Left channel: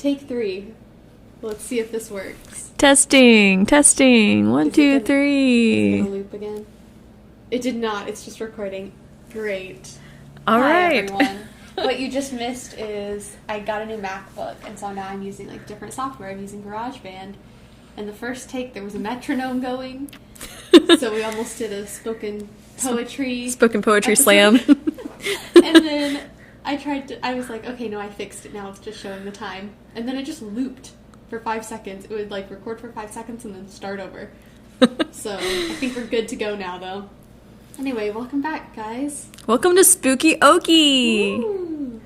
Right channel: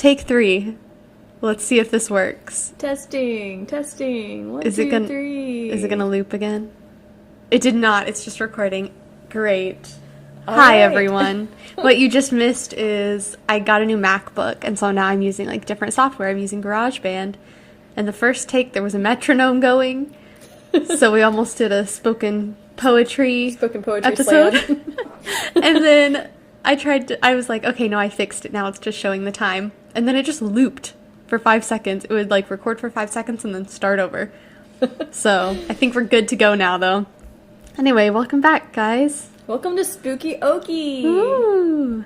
Take 3. Let's see if this works. Testing. 1, 2, 3. Is it gonna loop again? It did not. It's just recording. Great. All Hi, right. everyone. What you just missed is I got a new MacBook, and so now I'm using like different software. I'm using GarageBand, and the first take there was a metronome going, so we almost did a spoken poetry Poetry episode. slam. And then I was like, okay, no, I fixed it. Now it's just showing the time. And then it just looped for 5 seconds. It would like record for 5 seconds and then start over. So I think we're good to go now, though. Anyway, welcome back, guys. Welcome to Spooky Okie. Ooh.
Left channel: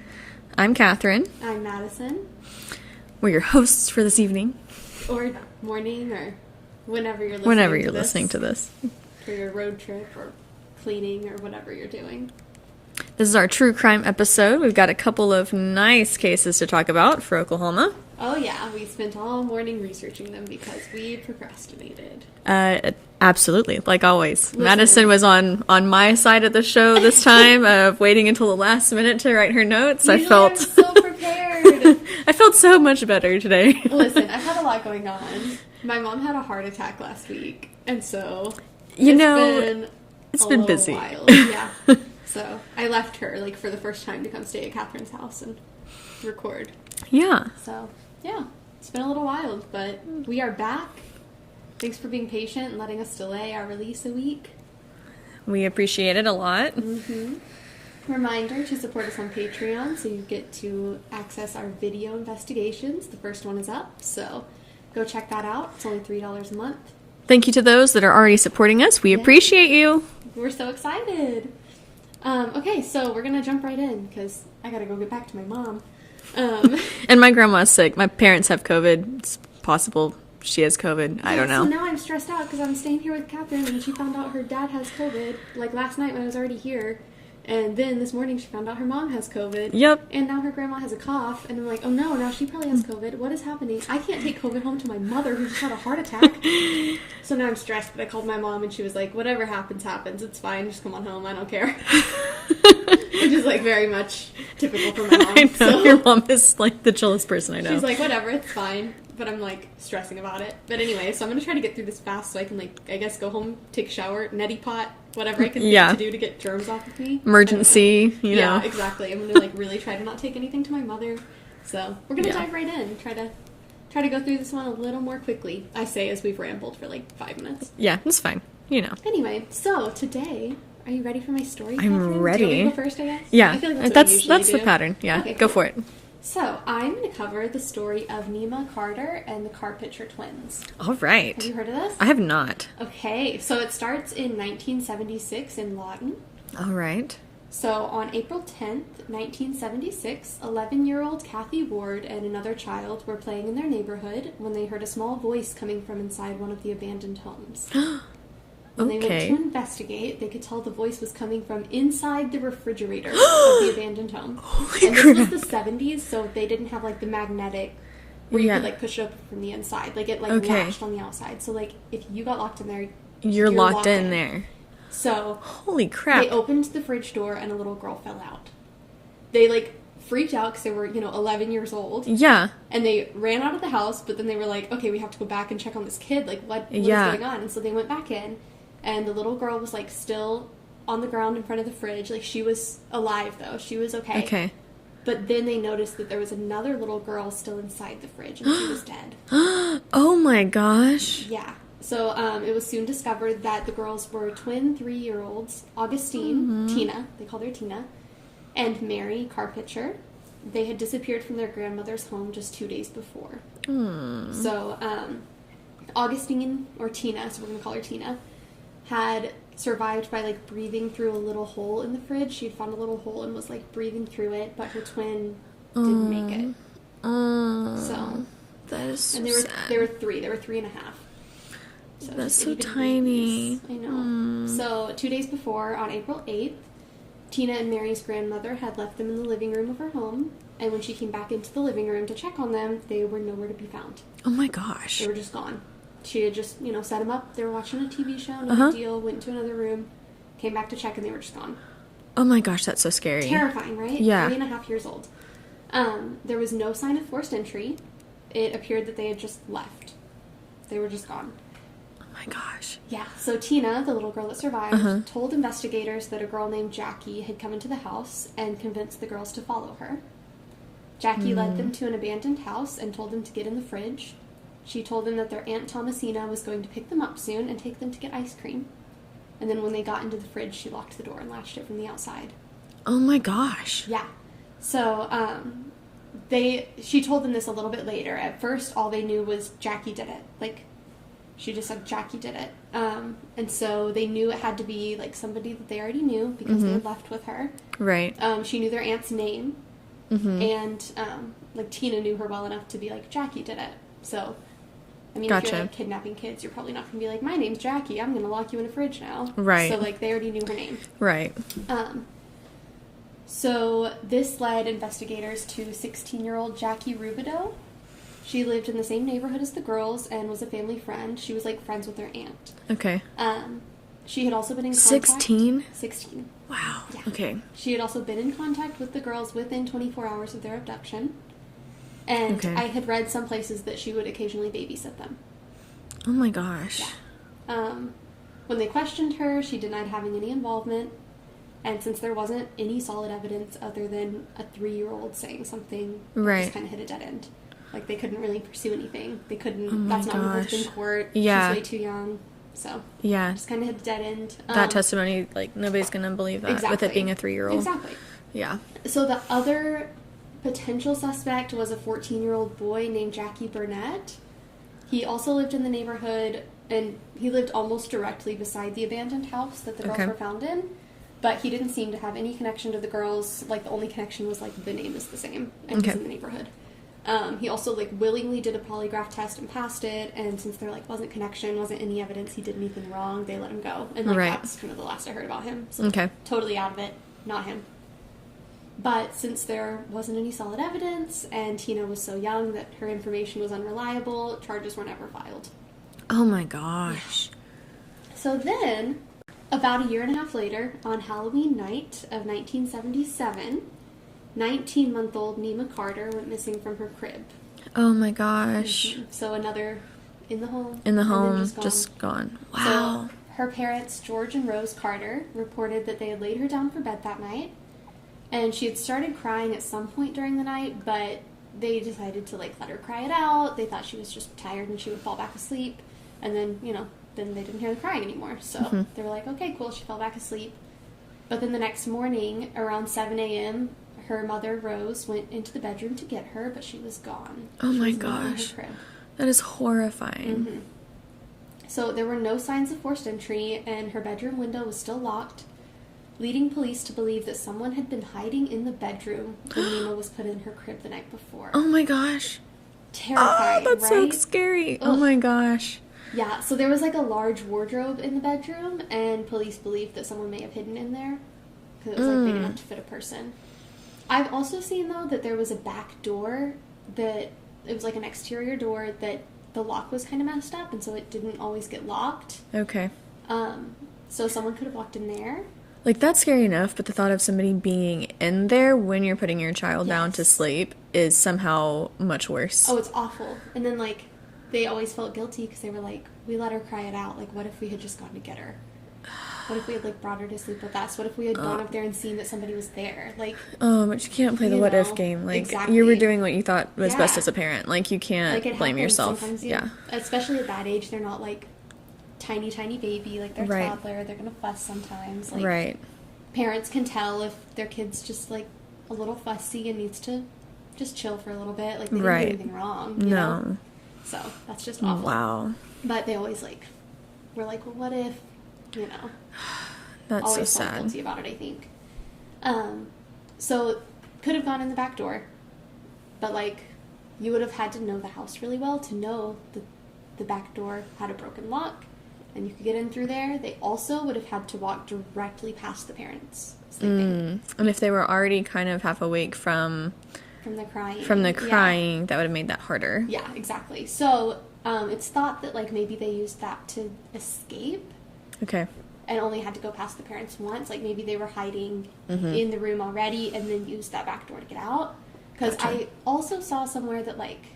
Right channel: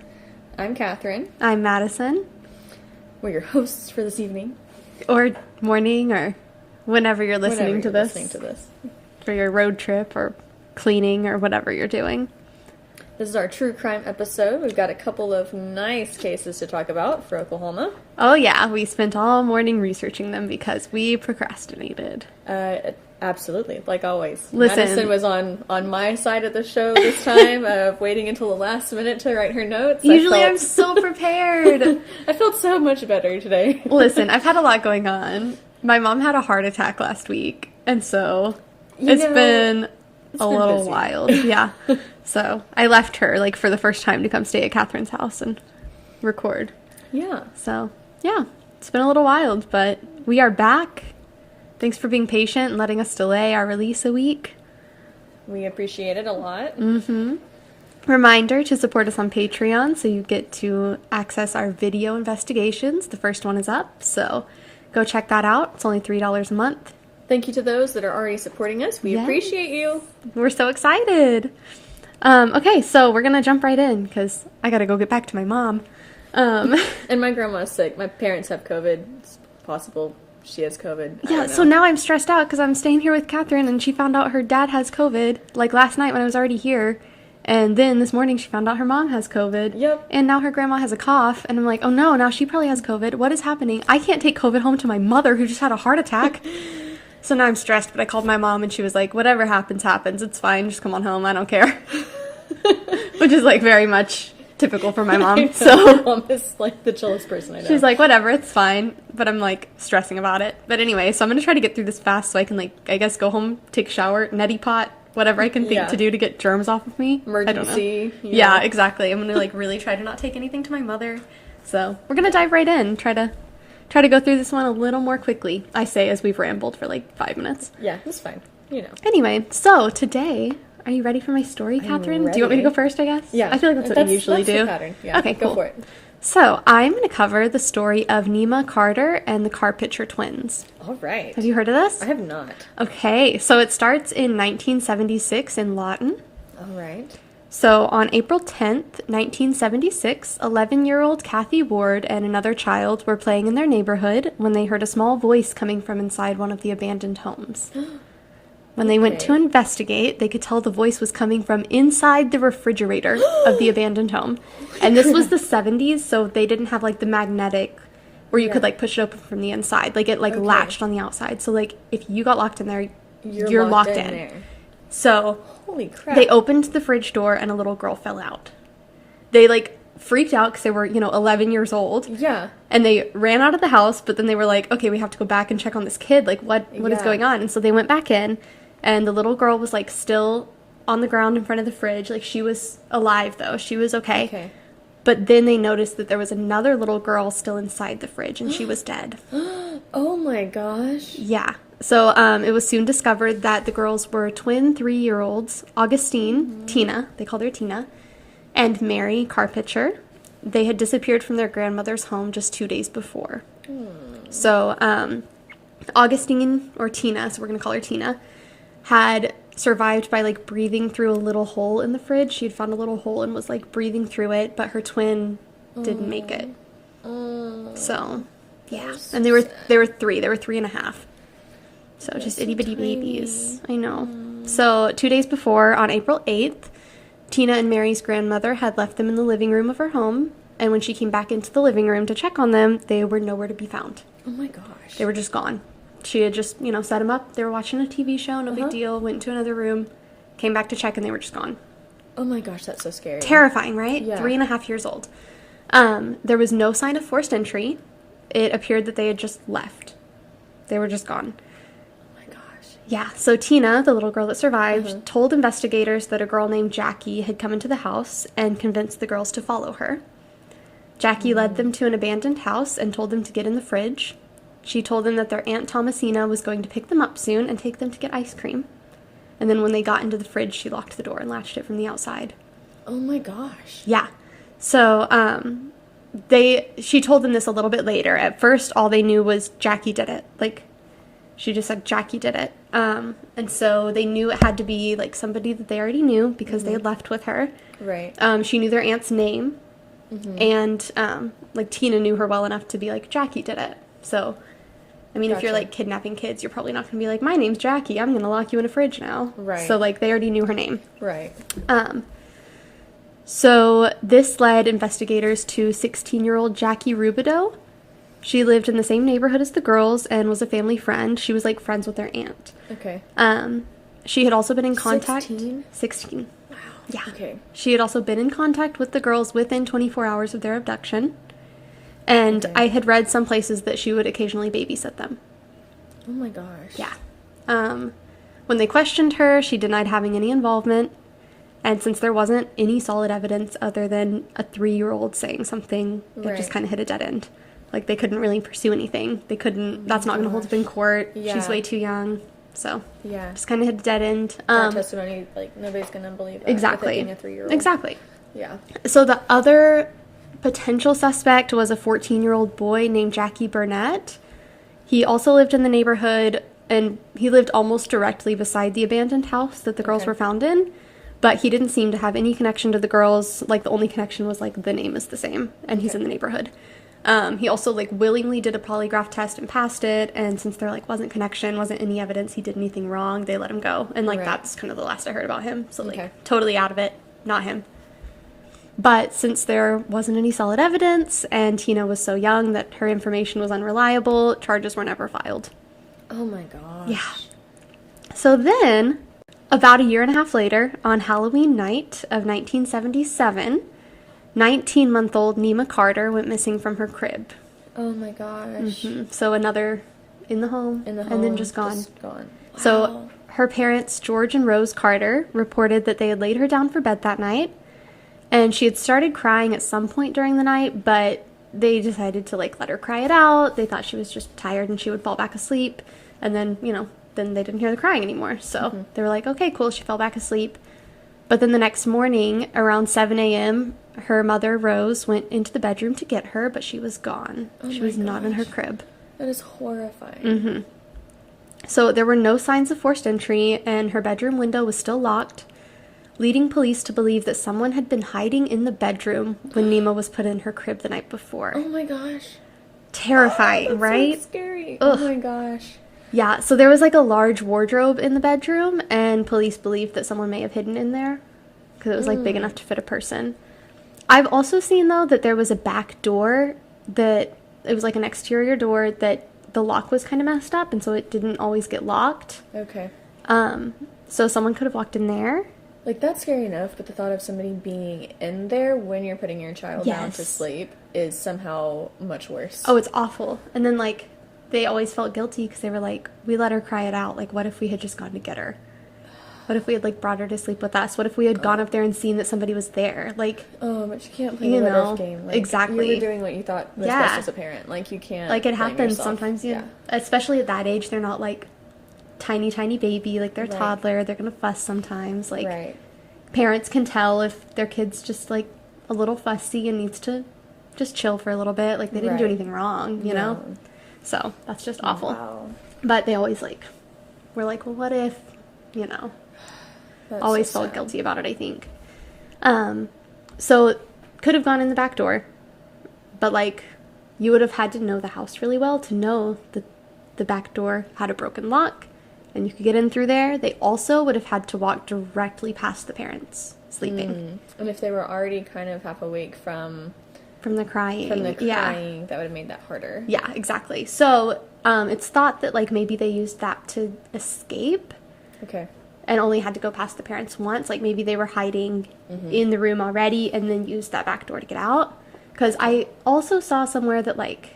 I'm Catherine. I'm Madison. We're your hosts for this evening. Or morning, or whenever you're listening to this. For your road trip or cleaning or whatever you're doing. This is our true crime episode. We've got a couple of nice cases to talk about for Oklahoma. Oh, yeah. We spent all morning researching them because we procrastinated. Absolutely, like always. Listen. Madison was on my side of the show this time, of waiting until the last minute to write her notes. Usually I'm so prepared. I felt so much better today. Listen, I've had a lot going on. My mom had a heart attack last week, and so It's been been a little busy. wild. Yeah. So I left her, like, for the first time to come stay at Catherine's house and record. Yeah. So, yeah, it's been a little wild, but we are back. Thanks for being patient and letting us delay our release a week. We appreciate it a lot. Mm-hmm. Reminder to support us on Patreon so you get to access our video investigations. The first one is up, so go check that out. It's only $3 a month. Thank you to those that are already supporting us. We Yeah. appreciate you. We're so excited. Okay, so we're going to jump right in because I got to go get back to my mom. And my grandma's sick. My parents have COVID. It's possible she has COVID. I don't know. So now I'm stressed out because I'm staying here with Catherine and she found out her dad has COVID, like last night when I was already here. And then this morning she found out her mom has COVID. Yep. And now her grandma has a cough. And I'm like, oh no, now she probably has COVID. What is happening? I can't take COVID home to my mother who just had a heart attack. So now I'm stressed, but I called my mom and she was like, whatever happens, happens. It's fine. Just come on home. I don't care. Which is like very much typical for my mom. So Your mom is like the chillest person I know. she's like, whatever, it's fine. But I'm like stressing about it. But anyway, so I'm going to try to get through this fast so I can, like, I guess go home, take a shower, neti pot, whatever I can think to do to get germs off of me. Emergency. Yeah, exactly. I'm going to, like, really try to not take anything to my mother. So we're going to dive right in. Try to go through this one a little more quickly, I say, as we've rambled for like 5 minutes. Yeah, it's fine. You know. Anyway, so today, are you ready for my story, Catherine? ready. Do you want me to go first, I guess? Yeah. I feel like that's what we usually do. the pattern. Yeah. Okay, Go cool. for it. So I'm going to cover the story of Nima Carter and the Carpitcher Twins. All right. Have you heard of this? I have not. Okay, so it starts in 1976 in Lawton. All right. So on April 10th, 1976, 11-year-old Kathy Ward and another child were playing in their neighborhood when they heard a small voice coming from inside one of the abandoned homes. When they went Okay. to investigate, they could tell the voice was coming from inside the refrigerator of the abandoned home. And this was the 70s, so they didn't have, like, the magnetic where you Yeah. could, like, push it open from the inside. Like, it, like, Okay. latched on the outside. So, like, if you got locked in there, You're locked in there. So Holy crap. they opened the fridge door and a little girl fell out. They, like, freaked out because they were, 11 years old. Yeah. And they ran out of the house, but then they were like, okay, we have to go back and check on this kid. Like, what is Yeah. going on? And so they went back in, and the little girl was, like, still on the ground in front of the fridge. Like, she was alive, though. She was okay. Okay. But then they noticed that there was another little girl still inside the fridge, and she was dead. Oh my gosh. Yeah. So it was soon discovered that the girls were twin 3-year-olds, Augustine, Tina, they called her Tina, and Mary Carpitcher. They had disappeared from their grandmother's home just 2 days before. So Augustine, or Tina, so we're going to call her Tina, had survived by, like, breathing through a little hole in the fridge. She had found a little hole and was, like, breathing through it, but her twin didn't make it. So, yeah. so And they were sad. 3. They were 3.5. So That's just so itty bitty tiny. babies. I know. So 2 days before, on April 8th, Tina and Mary's grandmother had left them in the living room of her home. And when she came back into the living room to check on them, they were nowhere to be found. Oh my gosh. They were just gone. She had just, set them up. They were watching a TV show, no big deal. Went to another room, came back to check, and they were just gone. Oh my gosh, that's so scary. Terrifying, right? Yeah. 3.5 years old. There was no sign of forced entry. It appeared that they had just left. They were just gone. Oh my gosh. Yeah, so Tina, the little girl that survived, told investigators that a girl named Jackie had come into the house and convinced the girls to follow her. Jackie led them to an abandoned house and told them to get in the fridge. She told them that their Aunt Thomasina was going to pick them up soon and take them to get ice cream. And then when they got into the fridge, she locked the door and latched it from the outside. Oh my gosh. Yeah. So, she told them this a little bit later. At first, all they knew was Jackie did it. Like, she just said Jackie did it. And so they knew it had to be, like, somebody that they already knew because they had left with her. Right. She knew their aunt's name. And, like, Tina knew her well enough to be like, Jackie did it. So, I mean, if you're, like, kidnapping kids, you're probably not going to be like, my name's Jackie. I'm going to lock you in a fridge now. Right. So, like, they already knew her name. Right. So this led investigators to 16-year-old Jackie Rubidoux. She lived in the same neighborhood as the girls and was a family friend. She was, like, friends with their aunt. Okay. She had also been in contact... 16? 16. Wow. Yeah. Okay. She had also been in contact with the girls within 24 hours of their abduction. And I had read some places that she would occasionally babysit them. Oh my gosh. Yeah. When they questioned her, she denied having any involvement. And since there wasn't any solid evidence other than a 3-year-old saying something, it just kind of hit a dead end. Like, they couldn't really pursue anything. They couldn't, that's not going to hold up in court. Yeah. She's way too young. So, yeah. Just kind of hit a dead end. That testimony, like, nobody's going to believe that. Exactly. With it being a 3-year-old. Exactly. Yeah. So, the other potential suspect was a 14-year-old boy named Jackie Burnett. He also lived in the neighborhood, and he lived almost directly beside the abandoned house that the girls were found in. But he didn't seem to have any connection to the girls. Like, the only connection was, like, the name is the same, and he's in the neighborhood. He also, like, willingly did a polygraph test and passed it, and since there, like, wasn't connection, wasn't any evidence he did anything wrong, they let him go. And, like, that's kind of the last I heard about him. So, like, totally out of it. Not him. But since there wasn't any solid evidence, and Tina was so young that her information was unreliable, charges were never filed. Oh, my gosh. Yeah. So then... About a year and a half later, on Halloween night of 1977, 19-month-old Nima Carter went missing from her crib. Oh my gosh. So another in the home. In the home. And then just gone. Just gone. Wow. So her parents, George and Rose Carter, reported that they had laid her down for bed that night. And she had started crying at some point during the night, but they decided to, like, let her cry it out. They thought she was just tired and she would fall back asleep. And then, you know... then they didn't hear the crying anymore. So they were like, okay, cool. She fell back asleep. But then the next morning, around 7 a.m., her mother, Rose, went into the bedroom to get her, but she was gone. Oh she my was gosh. not in her crib. That is horrifying. So there were no signs of forced entry, and her bedroom window was still locked, leading police to believe that someone had been hiding in the bedroom when Nima was put in her crib the night before. Oh my gosh. Terrifying, that's right? So scary. Ugh. Oh my gosh. Yeah, so there was, like, a large wardrobe in the bedroom, and police believed that someone may have hidden in there because it was, like, big enough to fit a person. I've also seen, though, that there was a back door that, it was, like, an exterior door that the lock was kind of messed up, and so it didn't always get locked. Okay. So someone could have walked in there. Like, that's scary enough, but the thought of somebody being in there when you're putting your child down to sleep is somehow much worse. Oh, it's awful. And then, like... they always felt guilty because they were like, we let her cry it out. Like, what if we had just gone to get her? What if we had, like, brought her to sleep with us? What if we had gone up there and seen that somebody was there? Like... oh, but you can't play the what if game. Like, exactly. You were doing what you thought was best as a parent. Like, you can't like, it blame happens yourself. sometimes, especially at that age, they're not, like, tiny baby. Like, they're toddler. They're going to fuss sometimes. Like, parents can tell if their kid's just, like, a little fussy and needs to just chill for a little bit. Like, they didn't do anything wrong, you know? So, that's just awful. Wow. But they always, like, were like, well, what if, you know? That's always so felt sad. guilty about it, I think. So, could have gone in the back door. But, like, you would have had to know the house really well to know that the back door had a broken lock. And you could get in through there. They also would have had to walk directly past the parents sleeping. And if they were already kind of half awake from the crying. That would have made that harder. Yeah, exactly. So, it's thought that, like, maybe they used that to escape. Okay. And only had to go past the parents once. Like, maybe they were hiding in the room already and then used that back door to get out. Because I also saw somewhere that, like,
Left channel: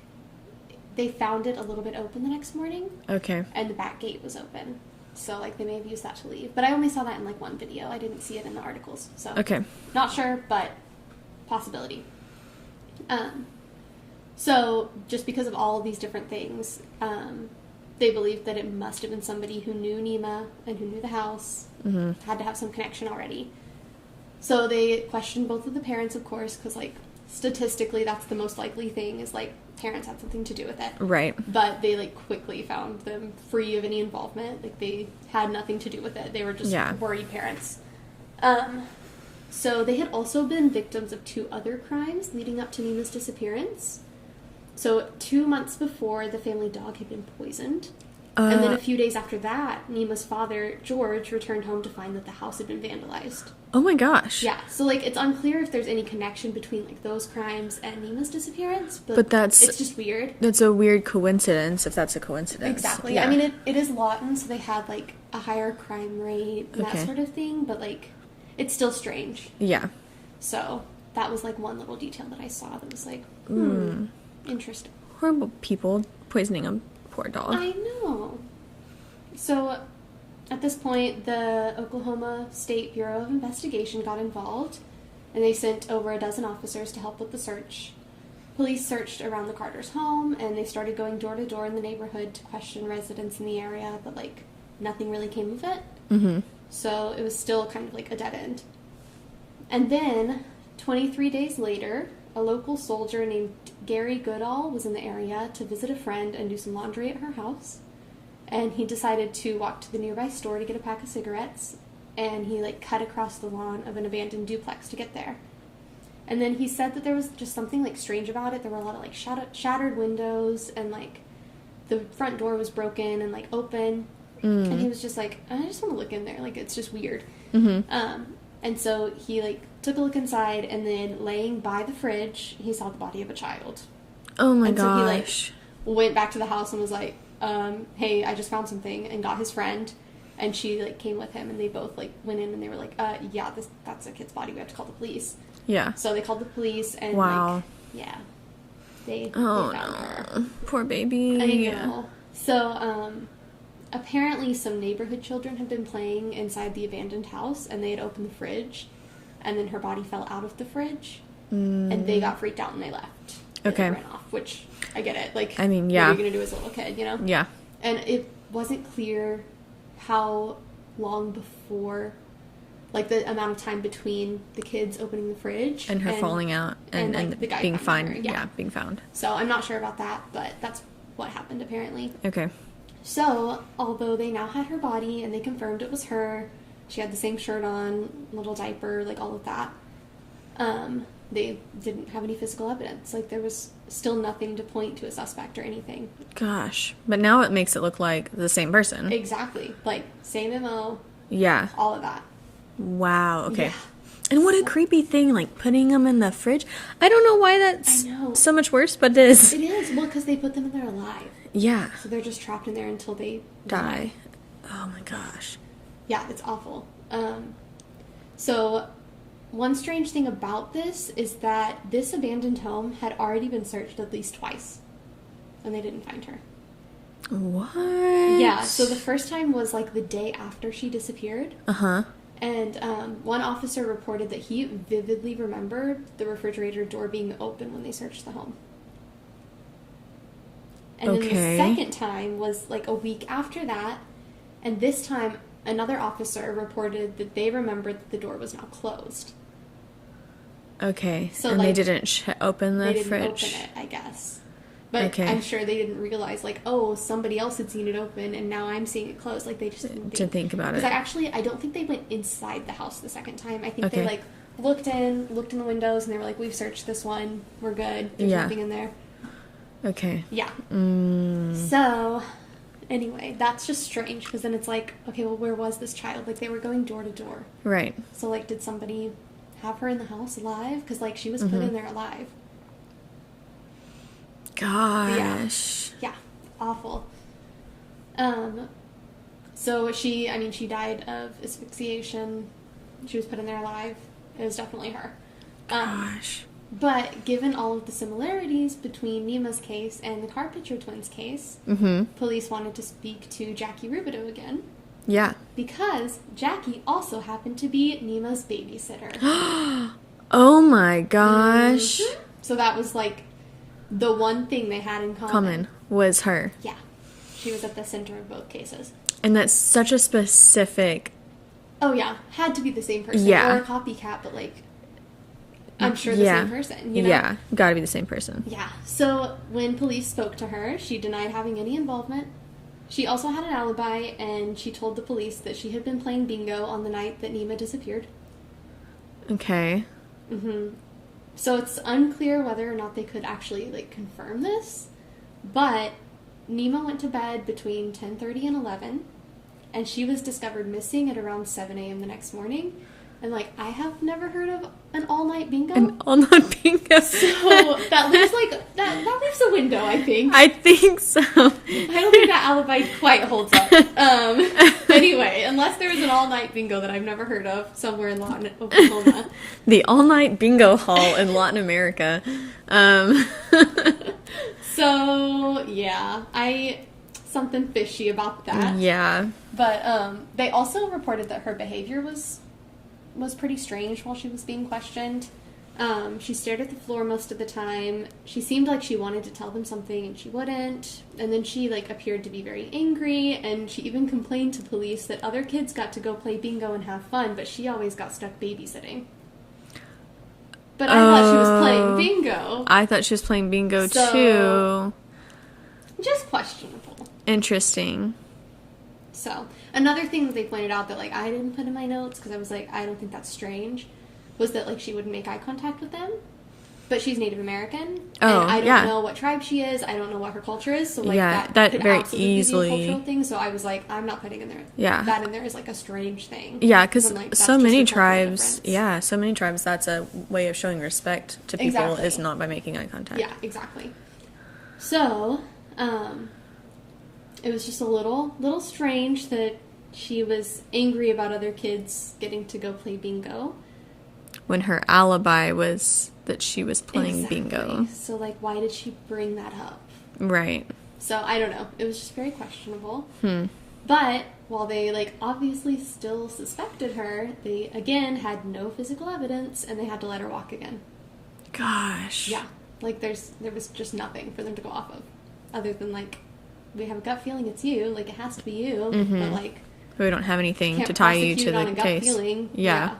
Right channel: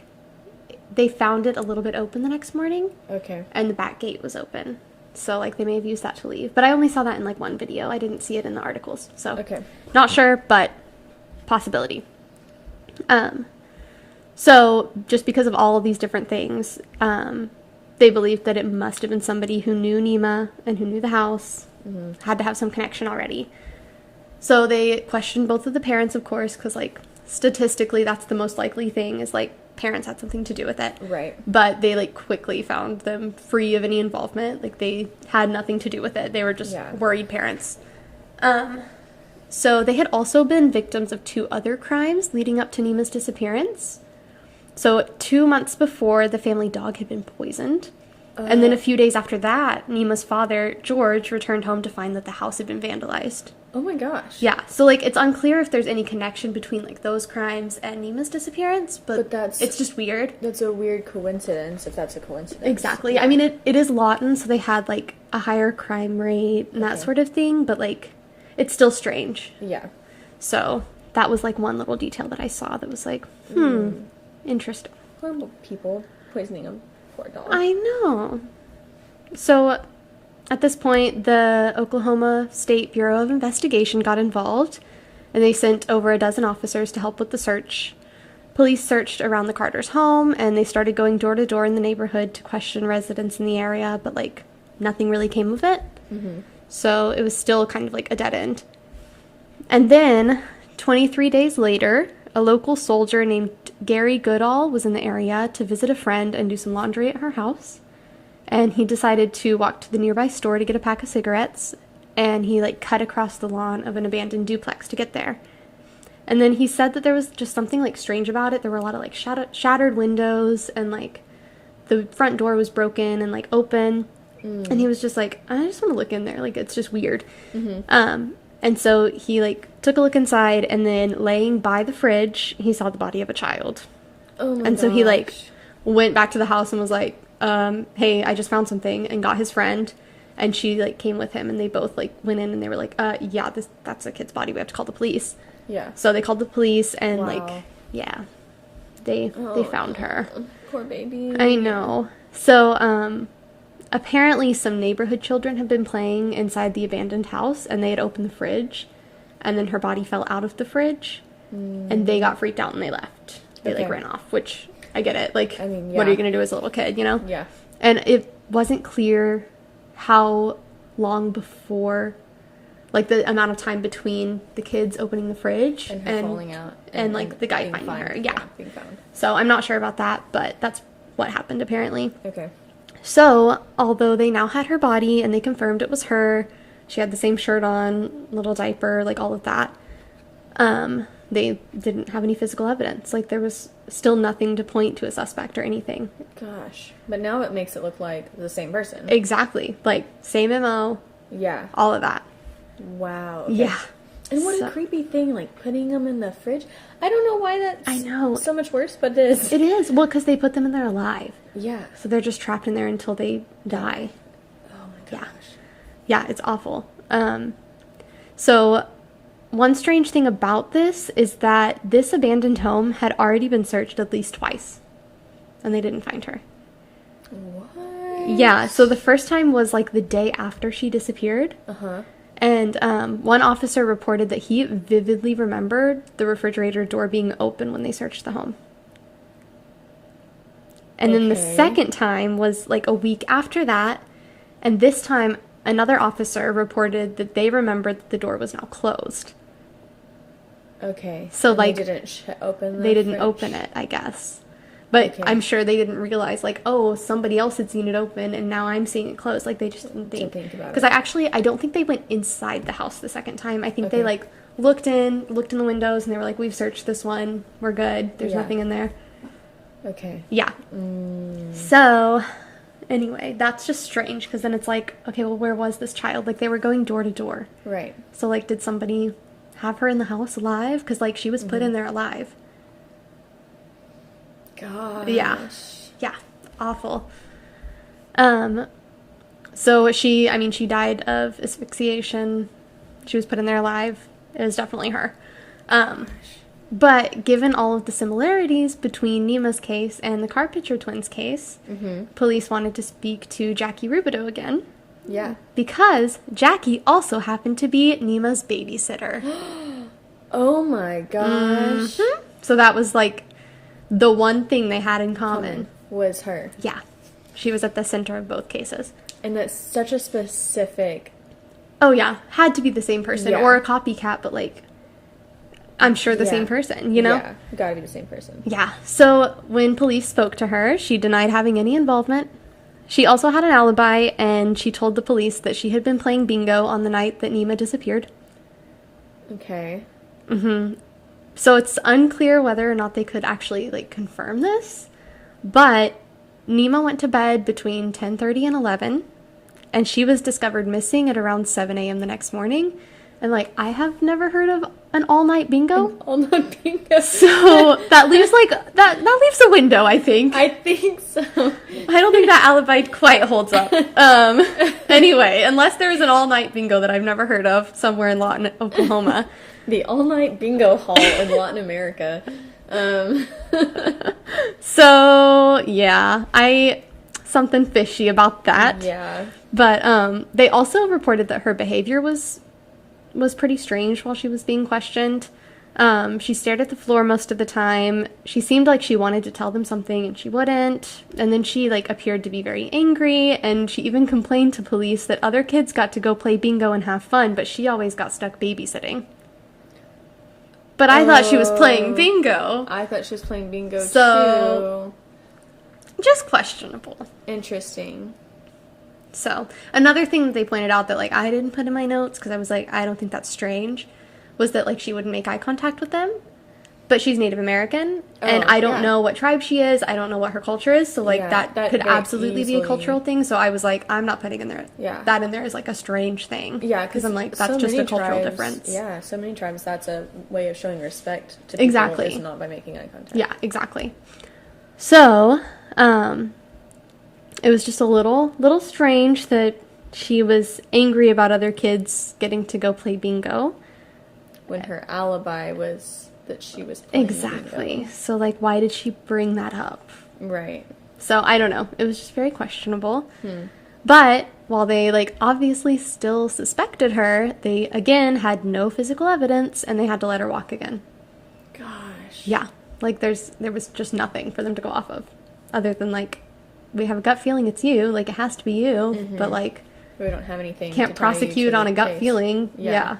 they found it a little bit open the next morning. Okay. And the back gate was open. So, like, they may have used that to leave. But I only saw that in, like, one video. I didn't see it in the articles. So, Okay. Not sure, but possibility. So, just because of all of these different things, they believed that it must have been somebody who knew Nima and who knew the house, had to have some connection already. So, they questioned both of the parents, of course, because, like, statistically, that's the most likely thing, is, like, parents had something to do with it. Right. But they, like, quickly found them free of any involvement. Like, they had nothing to do with it. They were just worried parents. So they had also been victims of 2 other crimes leading up to Nima's disappearance. So 2 months before, the family dog had been poisoned. And then a few days after that, Nima's father, George, returned home to find that the house had been vandalized. Oh my gosh. Yeah, so, like, it's unclear if there's any connection between, like, those crimes and Nima's disappearance, but it's just weird. That's a weird coincidence, if that's a coincidence. Exactly. Yeah. I mean, it is Lawton, so they had, like, a higher crime rate and that sort of thing, but, like, it's still strange. Yeah. So that was, like, one little detail that I saw that was like, interesting. Horrible people poisoning a poor dog. I know. So at this point, the Oklahoma State Bureau of Investigation got involved, and they sent over a dozen officers to help with the search. Police searched around the Carters' home, and they started going door to door in the neighborhood to question residents in the area, but, like, nothing really came of it. So it was still kind of like a dead end. And then, 23 days later, a local soldier named Gary Goodall was in the area to visit a friend and do some laundry at her house. And he decided to walk to the nearby store to get a pack of cigarettes. And he, like, cut across the lawn of an abandoned duplex to get there. And then he said that there was just something, like, strange about it. There were a lot of, like, shattered windows, and, like, the front door was broken and, like, open. And he was just like, I just want to look in there. Like, it's just weird. And so he, like, took a look inside, and then laying by the fridge, he saw the body of a child. Oh my gosh. And so he, like, went back to the house and was like, hey, I just found something, and got his friend. And she, like, came with him, and they both, like, went in, and they were like, yeah, that's a kid's body. We have to call the police. Yeah. So they called the police, and, like, yeah, they found her. Poor baby. I know. So, apparently some neighborhood children had been playing inside the abandoned house, and they had opened the fridge, and then her body fell out of the fridge, and they got freaked out and they left. They, like, ran off, which, I get it. Like, I mean, what are you going to do as a little kid, you know? Yeah. And it wasn't clear how long before, like, the amount of time between the kids opening the fridge and her falling out and like, the guy being finding found. her. Yeah, being found. So I'm not sure about that, but that's what happened apparently. Okay. So, although they now had her body and they confirmed it was her, she had the same shirt on, little diaper, like, all of that, they didn't have any physical evidence. Like, there was still nothing to point to a suspect or anything. Gosh. But now it makes it look like the same person. Exactly. Like, same MO. Yeah. All of that. Wow. Okay. Yeah. And what a creepy thing, like, putting them in the fridge. I don't know why that's so much worse, but it is. It is. Well, because they put them in there alive. Yeah. So they're just trapped in there until they die. Oh my gosh. Yeah, it's awful. So one strange thing about this is that this abandoned home had already been searched at least twice, and they didn't find her. What? Yeah, so the first time was, like, the day after she disappeared. And one officer reported that he vividly remembered the refrigerator door being open when they searched the home. And then the second time was, like, a week after that, and this time another officer reported that they remembered that the door was now closed. Okay. So, and like, they didn't open the They didn't fridge? open it, I guess. But I'm sure they didn't realize, like, oh, somebody else had seen it open, and now I'm seeing it closed. Like, they just didn't think about it. Because I don't think they went inside the house the second time. I think they, like, looked in the windows, and they were like, we've searched this one. We're good. There's nothing in there. Okay. Yeah. So, anyway, that's just strange, because then it's like, okay, well, where was this child? Like, they were going door to door. Right. So, like, did somebody have her in the house alive? Because, like, she was put in there alive. Gosh. Yeah. Awful. So she died of asphyxiation. She was put in there alive. It was definitely her. Gosh. But given all of the similarities between Nima's case and the Carpitcher Twins case, police wanted to speak to Jackie Rubidoux again. Yeah. Because Jackie also happened to be Nima's babysitter. Oh my gosh. Mm-hmm. So that was like the one thing they had in common. Was her. Yeah. She was at the center of both cases. And that's such a specific... Oh yeah. Had to be the same person. Yeah. Or a copycat, but like... I'm sure the same person, you know? Yeah, gotta be the same person. Yeah. So when police spoke to her, she denied having any involvement. She also had an alibi, and she told the police that she had been playing bingo on the night that Nima disappeared. Okay. So it's unclear whether or not they could actually, like, confirm this. But Nima went to bed between 10:30 and 11, and she was discovered missing at around 7 a.m. the next morning. And, like, I have never heard of an all-night bingo. An all-night bingo. So that leaves, like, that leaves a window, I think. I think so. I don't think that alibi quite holds up. Anyway, unless there is an all-night bingo that I've never heard of somewhere in Lawton, Oklahoma. The all-night bingo hall in Latin America. So, yeah, something fishy about that. Yeah. But they also reported that her behavior was pretty strange while she was being questioned. She stared at the floor most of the time. She seemed like she wanted to tell them something and she wouldn't. And then she, like, appeared to be very angry, and she even complained to police that other kids got to go play bingo and have fun, but she always got stuck babysitting. But I thought she was playing bingo. I thought she was playing bingo So, too. Just questionable. Interesting. So, another thing that they pointed out that, like, I didn't put in my notes, because I was like, I don't think that's strange, was that, like, she wouldn't make eye contact with them. But she's Native American, and I don't know what tribe she is. I don't know what her culture is, so, like, that could absolutely be a cultural thing. So I was like, I'm not putting in there that in there as, like, a strange thing. Yeah, because I'm like, that's so just many a cultural tribes, difference. so many tribes, that's a way of showing respect to people is not by making eye contact. Yeah, exactly. So, it was just a little strange that she was angry about other kids getting to go play bingo. When her alibi was that she was playing bingo. So, like, why did she bring that up? Right. So, I don't know. It was just very questionable. But, while they, like, obviously still suspected her, they, again, had no physical evidence, and they had to let her walk again. Gosh. Yeah. Like, there was just nothing for them to go off of. Other than, like, we have a gut feeling it's you. Like, it has to be you. But, like... we don't have anything to tie you to the case. Can't prosecute on a gut feeling. Yeah.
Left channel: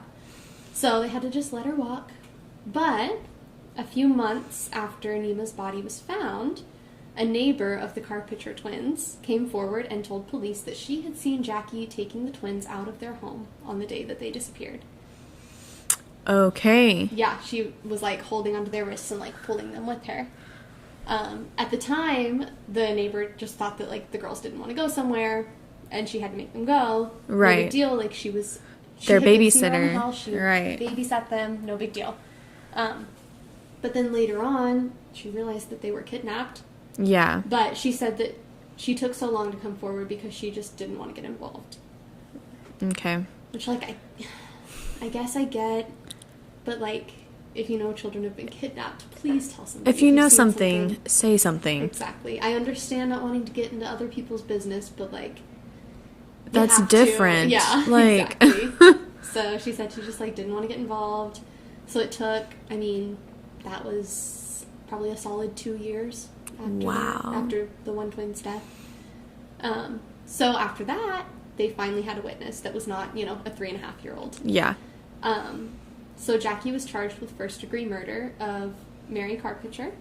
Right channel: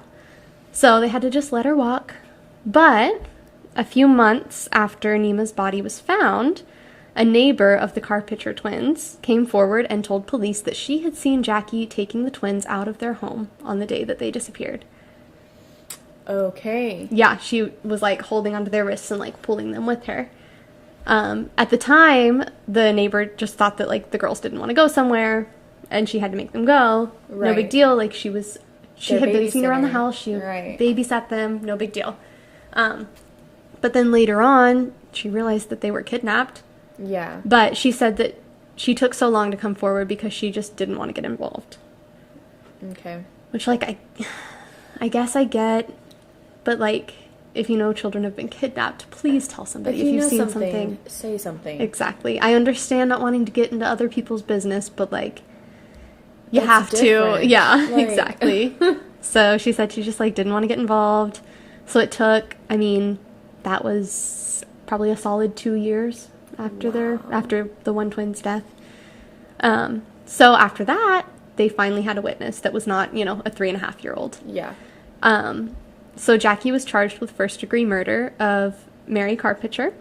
So, they had to just let her walk. But, a few months after Nima's body was found, a neighbor of the Carpitcher twins came forward and told police that she had seen Jackie taking the twins out of their home on the day that they disappeared. Okay. Yeah, she was, like, holding onto their wrists and, like, pulling them with her. At the time, the neighbor just thought that, like, the girls didn't want to go somewhere, and she had to make them go. Right. No big deal. Like, she had been seen around the house. She babysat them. No big deal. But then later on, she realized that they were kidnapped. Yeah. But she said that she took so long to come forward because she just didn't want to get involved. Okay. Which, like, I guess I get, but, like, if you know children have been kidnapped, please tell somebody. If you know something, say something. Exactly. I understand not wanting to get into other people's business, but, like, you That's have different. to. Yeah, like... exactly. So she said she just, like, didn't want to get involved. So it took, I mean, that was probably a solid 2 years after the one twin's death. So after that, they finally had a witness that was not, you know, a 3.5-year-old. Yeah. So Jackie was charged with first-degree murder of Mary Carpitcher,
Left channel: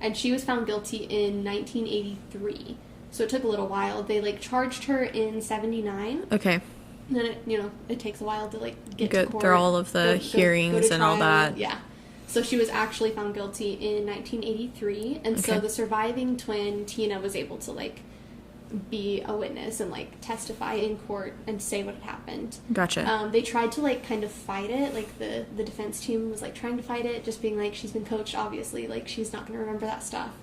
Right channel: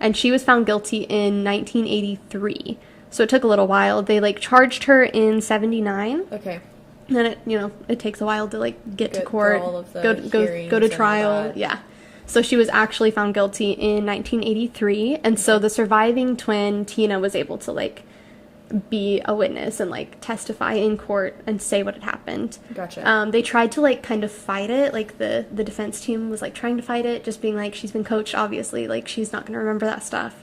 and she was found guilty in 1983. So it took a little while. They, like, charged her in 79. Okay. And then, it takes a while to, like, get to court. Through all of the hearings go to and trial. all that. Yeah. So she was actually found guilty in 1983. And so the surviving twin, Tina, was able to, like, be a witness and, like, testify in court and say what had happened. Gotcha. They tried to, like, kind of fight it. Like, the defense team was, like, trying to fight it, just being like, she's been coached, obviously. Like, she's not going to remember that stuff.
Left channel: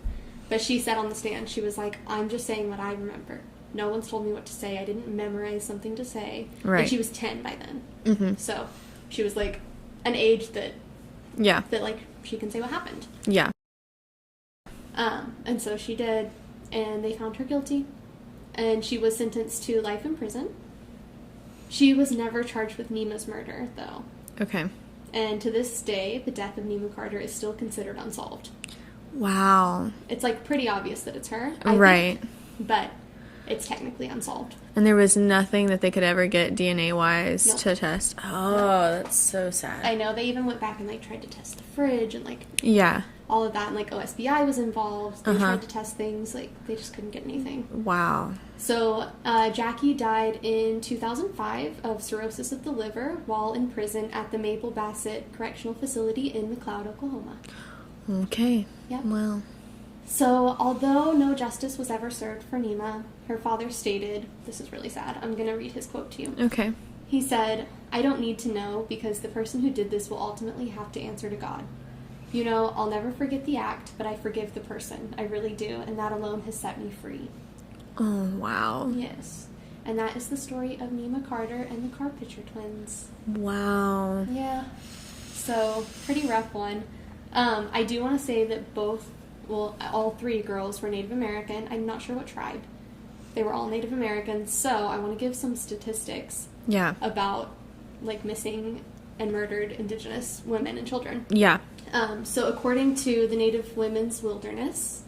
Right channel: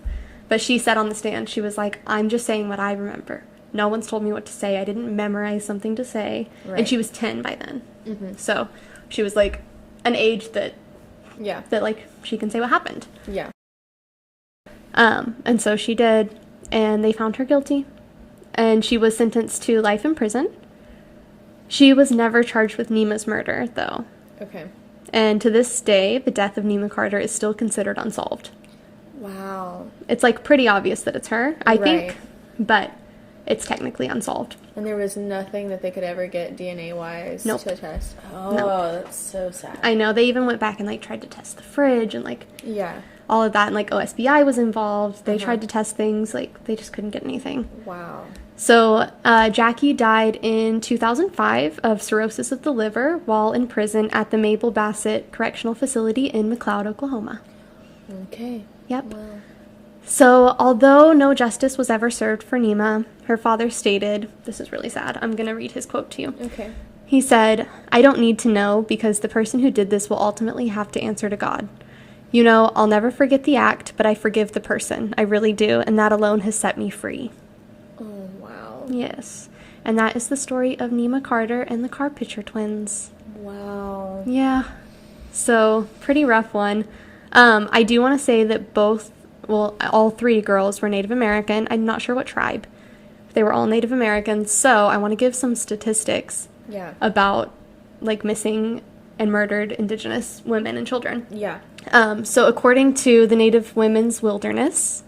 But she said on the stand, she was like, I'm just saying what I remember. No one's told me what to say. I didn't memorize something to say. Right. And she was 10 by then. Mm-hmm. So she was, like, an age that, like, she can say what happened. Yeah. And so she did, and they found her guilty, and she was sentenced to life in prison. She was never charged with Nima's murder, though. Okay. And to this day, the death of Nima Carter is still considered unsolved. Wow. It's, like, pretty obvious that it's her, I think, but it's technically unsolved. And there was nothing that they could ever get DNA-wise to test? Oh, that's so sad. I know. They even went back and, like, tried to test the fridge and, like... Yeah. All of that, and, like, OSBI was involved. They tried to test things. Like, they just couldn't get anything. Wow. So, Jackie died in 2005 of cirrhosis of the liver while in prison at the Mabel Bassett Correctional Facility in McLeod, Oklahoma. Okay. Yep. Well. So, although no justice was ever served for Nima, her father stated, this is really sad, I'm going to read his quote to you. Okay. He said, "I don't need to know because the person who did this will ultimately have to answer to God. You know, I'll never forget the act, but I forgive the person. I really do, and that alone has set me free." Oh, wow. Yes. And that is the story of Nima Carter and the Carpitcher Twins. Wow. Yeah. So, pretty rough one. I do want to say that all three girls were Native American. I'm not sure what tribe. They were all Native Americans. So, I want to give some statistics about, like, missing and murdered Indigenous women and children. Yeah. So, according to the Native Women's Wilderness,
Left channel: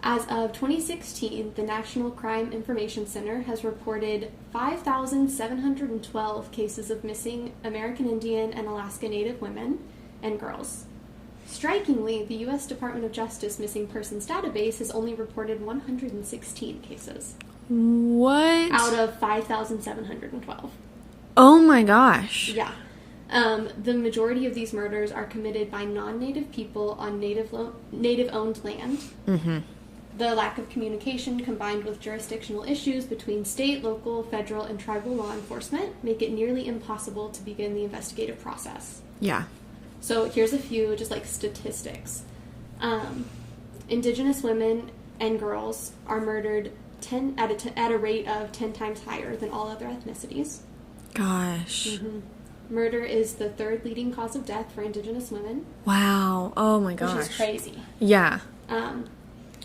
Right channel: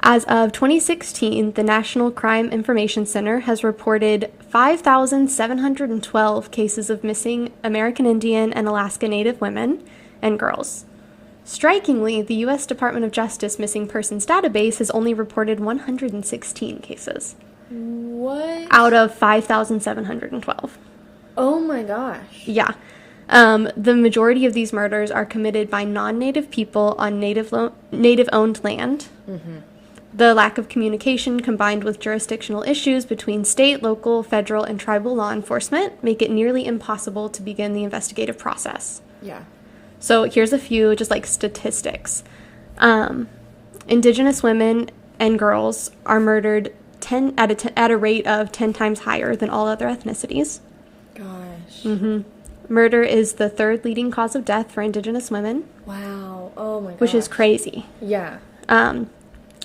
as of 2016, the National Crime Information Center has reported 5,712 cases of missing American Indian and Alaska Native women and girls. Strikingly, the U.S. Department of Justice Missing Persons Database has only reported 116 cases. What? Out of 5,712. Oh my gosh. Yeah. The majority of these murders are committed by non-Native people on Native-owned land. Mm-hmm. The lack of communication combined with jurisdictional issues between state, local, federal, and tribal law enforcement make it nearly impossible to begin the investigative process. Yeah. So here's a few just like statistics. Indigenous women and girls are murdered at a rate of 10 times higher than all other ethnicities. Gosh. Mm-hmm. Murder is the third leading cause of death for Indigenous women. Wow. Oh my gosh. Which is crazy. Yeah.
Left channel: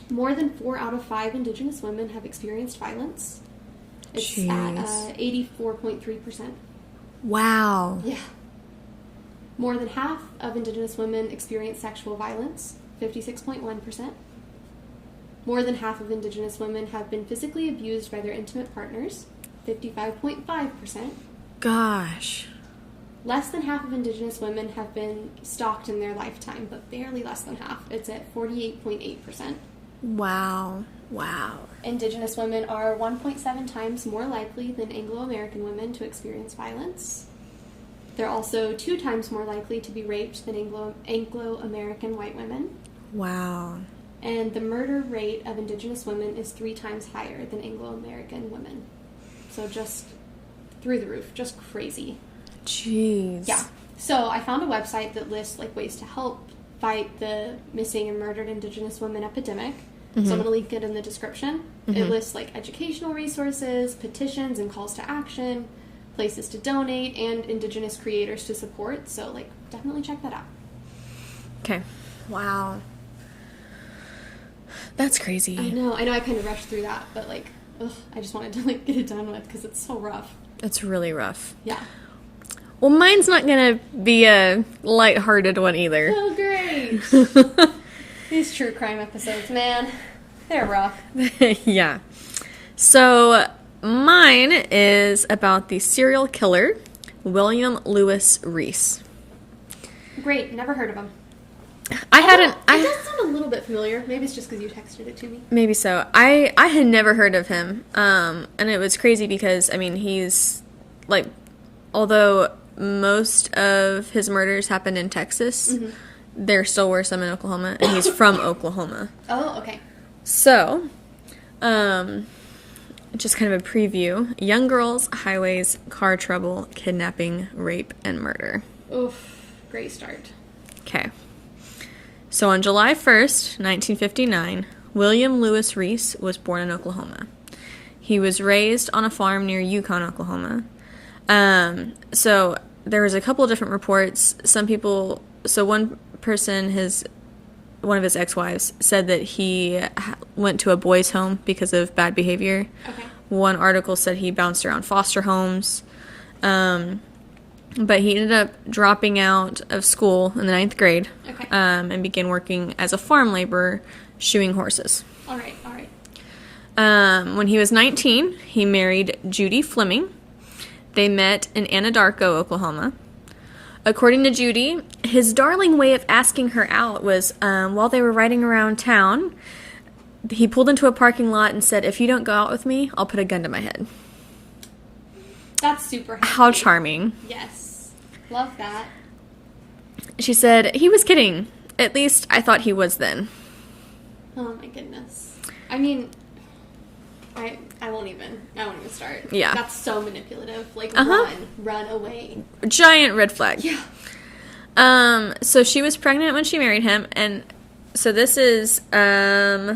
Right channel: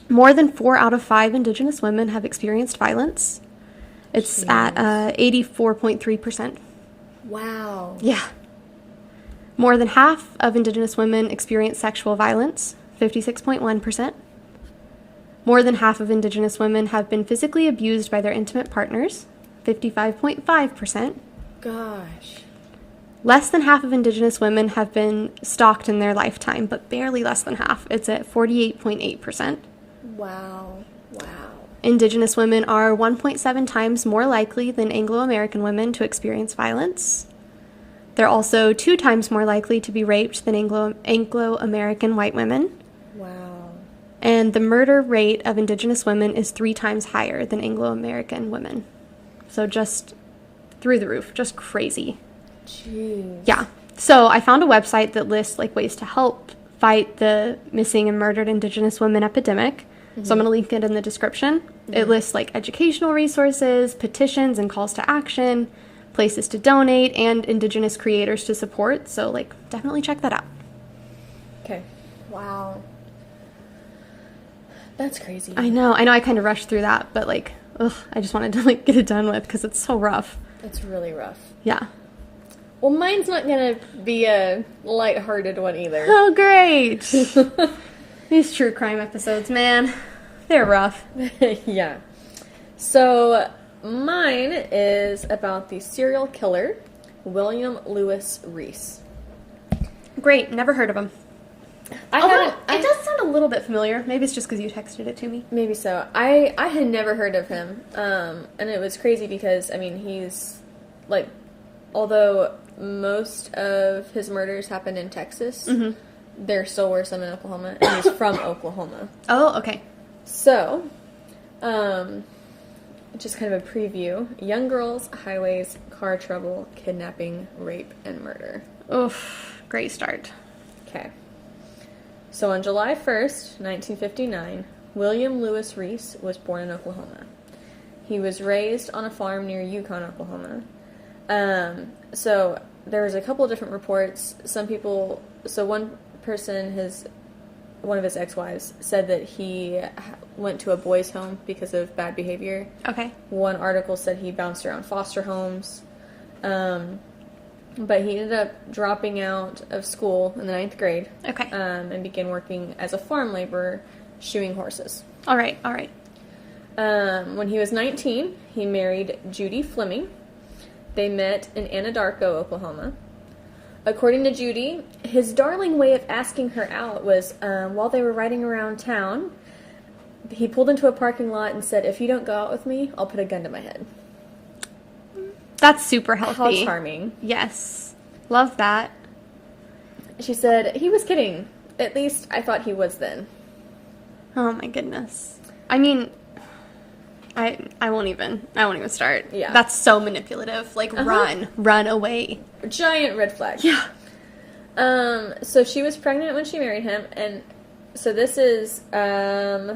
More than 4 out of 5 Indigenous women have experienced violence. It's at 84.3%. Wow. Yeah. More than half of Indigenous women experience sexual violence, 56.1%. More than half of Indigenous women have been physically abused by their intimate partners, 55.5%. Gosh. Less than half of Indigenous women have been stalked in their lifetime, but barely less than half. It's at 48.8%. Wow. Wow. Indigenous women are 1.7 times more likely than Anglo-American women to experience violence. They're also 2 times more likely to be raped than Anglo-American white women. Wow. And the murder rate of Indigenous women is 3 times higher than Anglo-American women. So just through the roof, just crazy. Jeez. Yeah. So I found a website that lists like ways to help fight the missing and murdered Indigenous women epidemic. Mm-hmm. So I'm going to link it in the description. Mm-hmm. It lists like educational resources, petitions and calls to action, places to donate, and Indigenous creators to support. So like definitely check that out. Okay. Wow. That's crazy. I know I kind of rushed through that, but like, I just wanted to like get it done with because it's so rough. It's really rough. Yeah. Well, mine's not going to be a lighthearted one either. Oh, great. These true crime episodes, man, they're rough. Yeah. So, mine is about the serial killer, William Lewis Reese. Great. Never heard of him. It does sound a little bit familiar. Maybe it's just because you texted it to me. Maybe so. I had never heard of him. And it was crazy because, I mean, he's, like, although most of his murders happened in Texas, mm-hmm. there still were some in Oklahoma, and he's from Oklahoma. Oh, okay. So, just kind of a preview. Young girls, highways, car trouble, kidnapping, rape, and murder. Oof. Great start. Okay. So on July 1st, 1959, William Lewis Reese was born in Oklahoma. He was raised on a farm near Yukon, Oklahoma. So there was a couple of different reports. One person, one of his ex-wives, said that he went to a boys' home because of bad behavior. Okay. One article said he bounced around foster homes. But he ended up dropping out of school in the 9th grade. Okay. And began working as a farm laborer, shoeing horses. All right. When he was 19, he married Judy Fleming. They met in Anadarko, Oklahoma. According to Judy, his darling way of asking her out was while they were riding around town, he pulled into a parking lot and said, "If you don't go out with me, I'll put a gun to my head." That's super healthy. How charming. Yes. Love that. She said, "He was kidding. At least I thought he was then." Oh my goodness. I mean, I won't even start. Yeah. That's so manipulative. Like, run away. Giant red flag. Yeah. So she was pregnant when she married him, and so this is, well,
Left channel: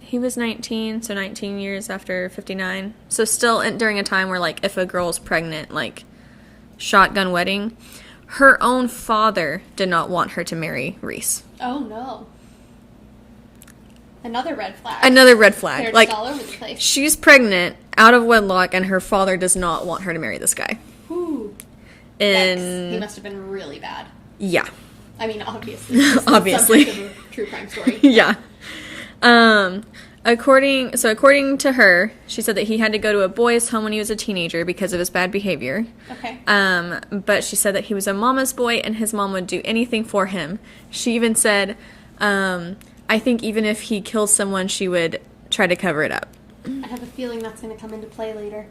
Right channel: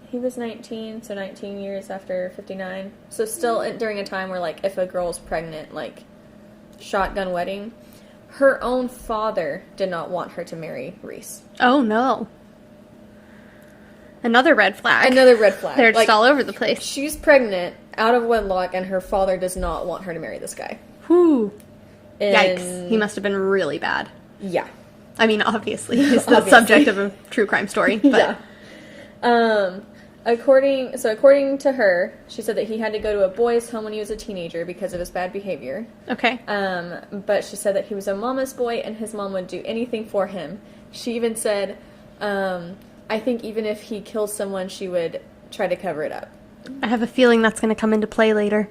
he was 19, so 19 years after 59. So still during a time where, like, if a girl's pregnant, like, shotgun wedding, her own father did not want her to marry Reese. Oh, no. Another red flag. They're just all over the place. She's pregnant, out of wedlock, and her father does not want her to marry this guy. Whew. And Yikes. He must have been really bad. Yeah. I mean, obviously. He's the subject of a true crime story. But. Yeah. According to her, she said that he had to go to a boys' home when he was a teenager because of his bad behavior. Okay. But she said that he was a mama's boy and his mom would do anything for him. She even said, I think even if he kills someone, she would try to cover it up. I have a feeling that's going to come into play later.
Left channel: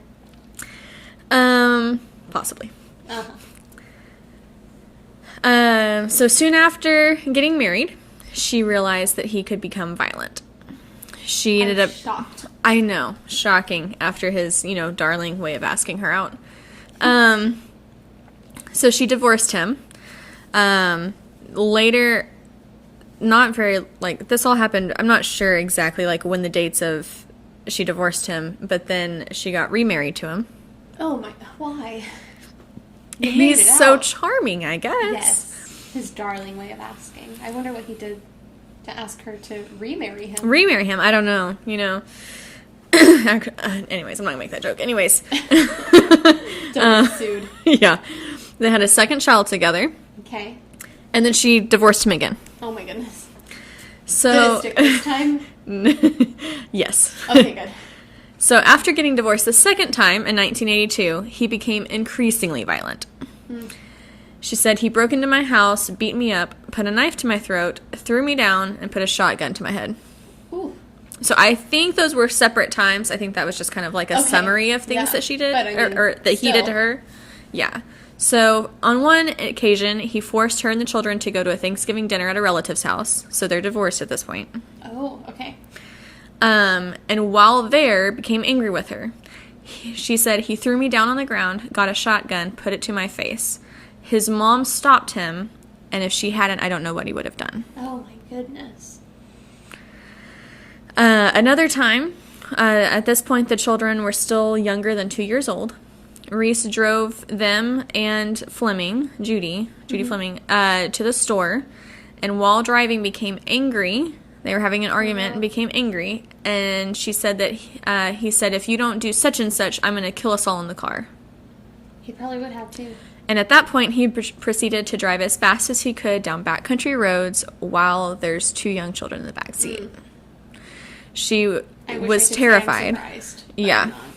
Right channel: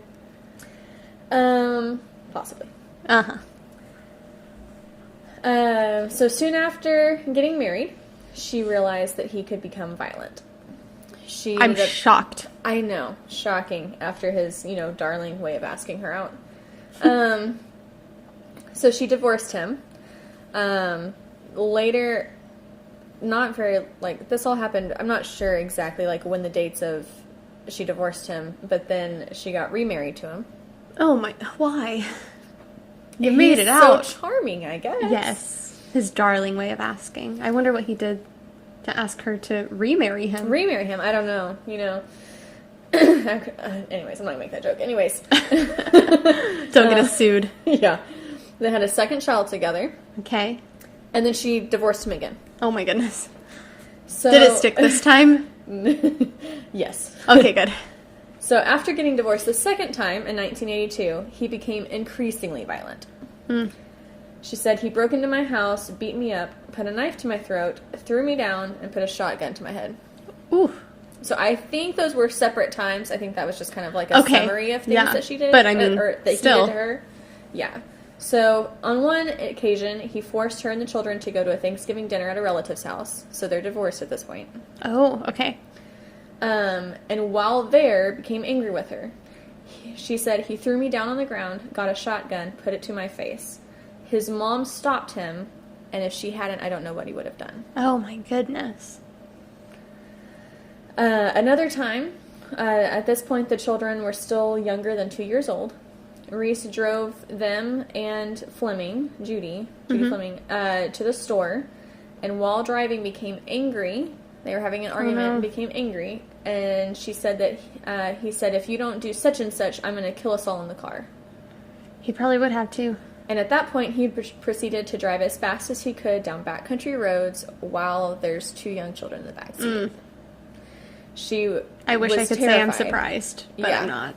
Possibly. Uh-huh. So soon after getting married, she realized that he could become violent. She ended up shocked. I know. Shocking after his, darling way of asking her out. So she divorced him. Later, not very, this all happened, I'm not sure exactly, when the dates of she divorced him, but then she got remarried to him. Oh my, why? You made it out. So charming, I guess. Yes. His darling way of asking. I wonder what he did to ask her to remarry him. Remarry him? I don't know. Anyways, I'm not going to make that joke. Anyways. Don't get sued. Yeah. They had a second child together. Okay. And then she divorced him again. Oh my goodness. So did it stick this time? Yes. Okay, good. So after getting divorced the second time in 1982, he became increasingly violent. She said, he broke into my house, beat me up, put a knife to my throat, threw me down, and put a shotgun to my head. Ooh. So I think those were separate times. I think that was just kind of like a summary of things that she did. But I mean, or that he did to her. Yeah. So on one occasion, he forced her and the children to go to a Thanksgiving dinner at a relative's house. So they're divorced at this point. Oh, okay. And while there, became angry with her. She said, he threw me down on the ground, got a shotgun, put it to my face. His mom stopped him, and if she hadn't, I don't know what he would have done. Oh, my goodness. Another time, at this point, the children were still younger than 2 years old. Reese drove them and Fleming, Judy Fleming, to the store, and while driving became angry. They were having an argument and became angry, and she said that he said, if you don't do such and such, I'm going to kill us all in the car. He probably would have, too. And at that point, he proceeded to drive as fast as he could down backcountry roads while there's 2 young children in the backseat. She was terrified. I wish I could say I'm surprised, but I'm not.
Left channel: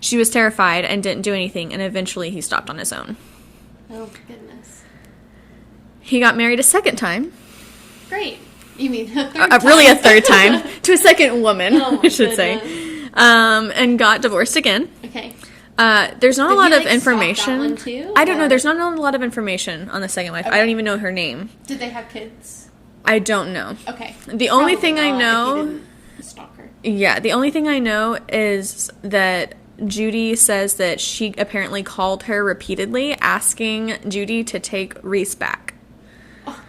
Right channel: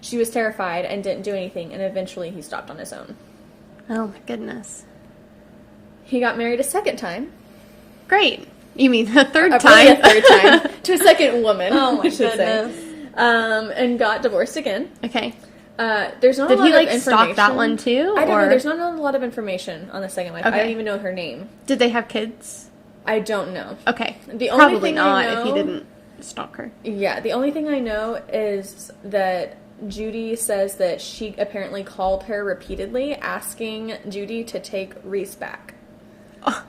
She was terrified and didn't do anything, and eventually he stopped on his own. Oh, my goodness. He got married a second time. Great. You mean a third time? Really a third time. To a second woman, I should goodness. say. And got divorced again. Okay. There's not Did a lot he, of information. Stop that one too? I don't know. There's not a lot of information on the second wife. Okay. I don't even know her name. Did they have kids? I don't know. Okay. The only Probably thing not I know... if he didn't stalk her. Yeah, the only thing I know is that Judy says that she apparently called her repeatedly asking Judy to take Reese back. Oh.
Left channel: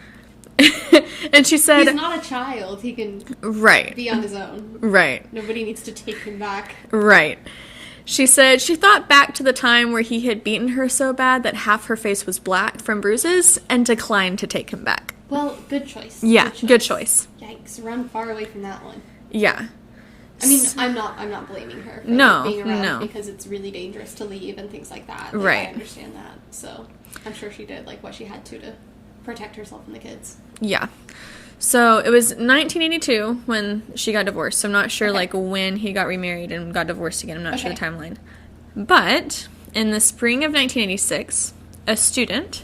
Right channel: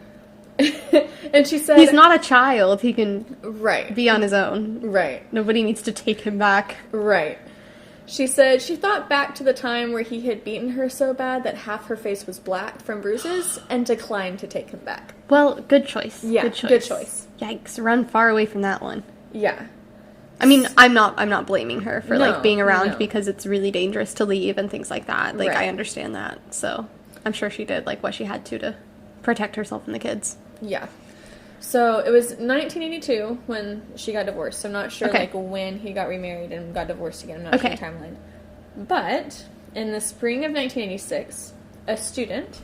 And she said... He's not a child. He can Right. be on his own. Right. Nobody needs to take him back. Right. She said she thought back to the time where he had beaten her so bad that half her face was black from bruises and declined to take him back. Well, good choice. Yeah, good choice. Yikes, run far away from that one. Yeah. I mean, I'm not blaming her for No, like being around no. because it's really dangerous to leave and things like that. Like, Right. I understand that. So, I'm sure she did like what she had to protect herself and the kids. Yeah. So it was 1982 when she got divorced. So I'm not sure Okay. like when he got remarried and got divorced again. I'm not sure the Okay. timeline. But in the spring of 1986, a student,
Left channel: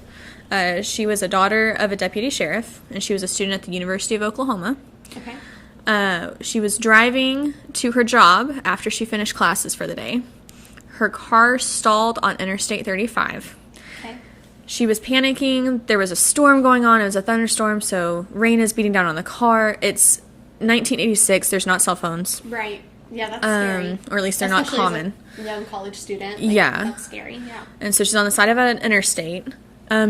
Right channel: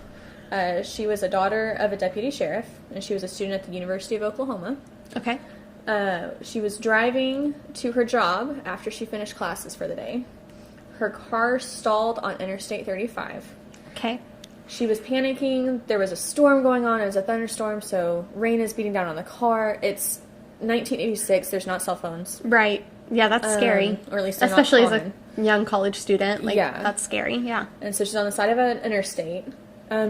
she was a daughter of a deputy sheriff, and she was a student at the University of Oklahoma. Okay. She was driving to her job after she finished classes for the day. Her car stalled on Interstate 35. Okay. She was panicking. There was a storm going on. It was a thunderstorm, so rain is beating down on the car. It's 1986. There's not cell phones. Right. Yeah, that's scary. Or at least they're Especially not common. as a young college student. Like, Yeah. That's scary. Yeah. And so she's on the side of an interstate.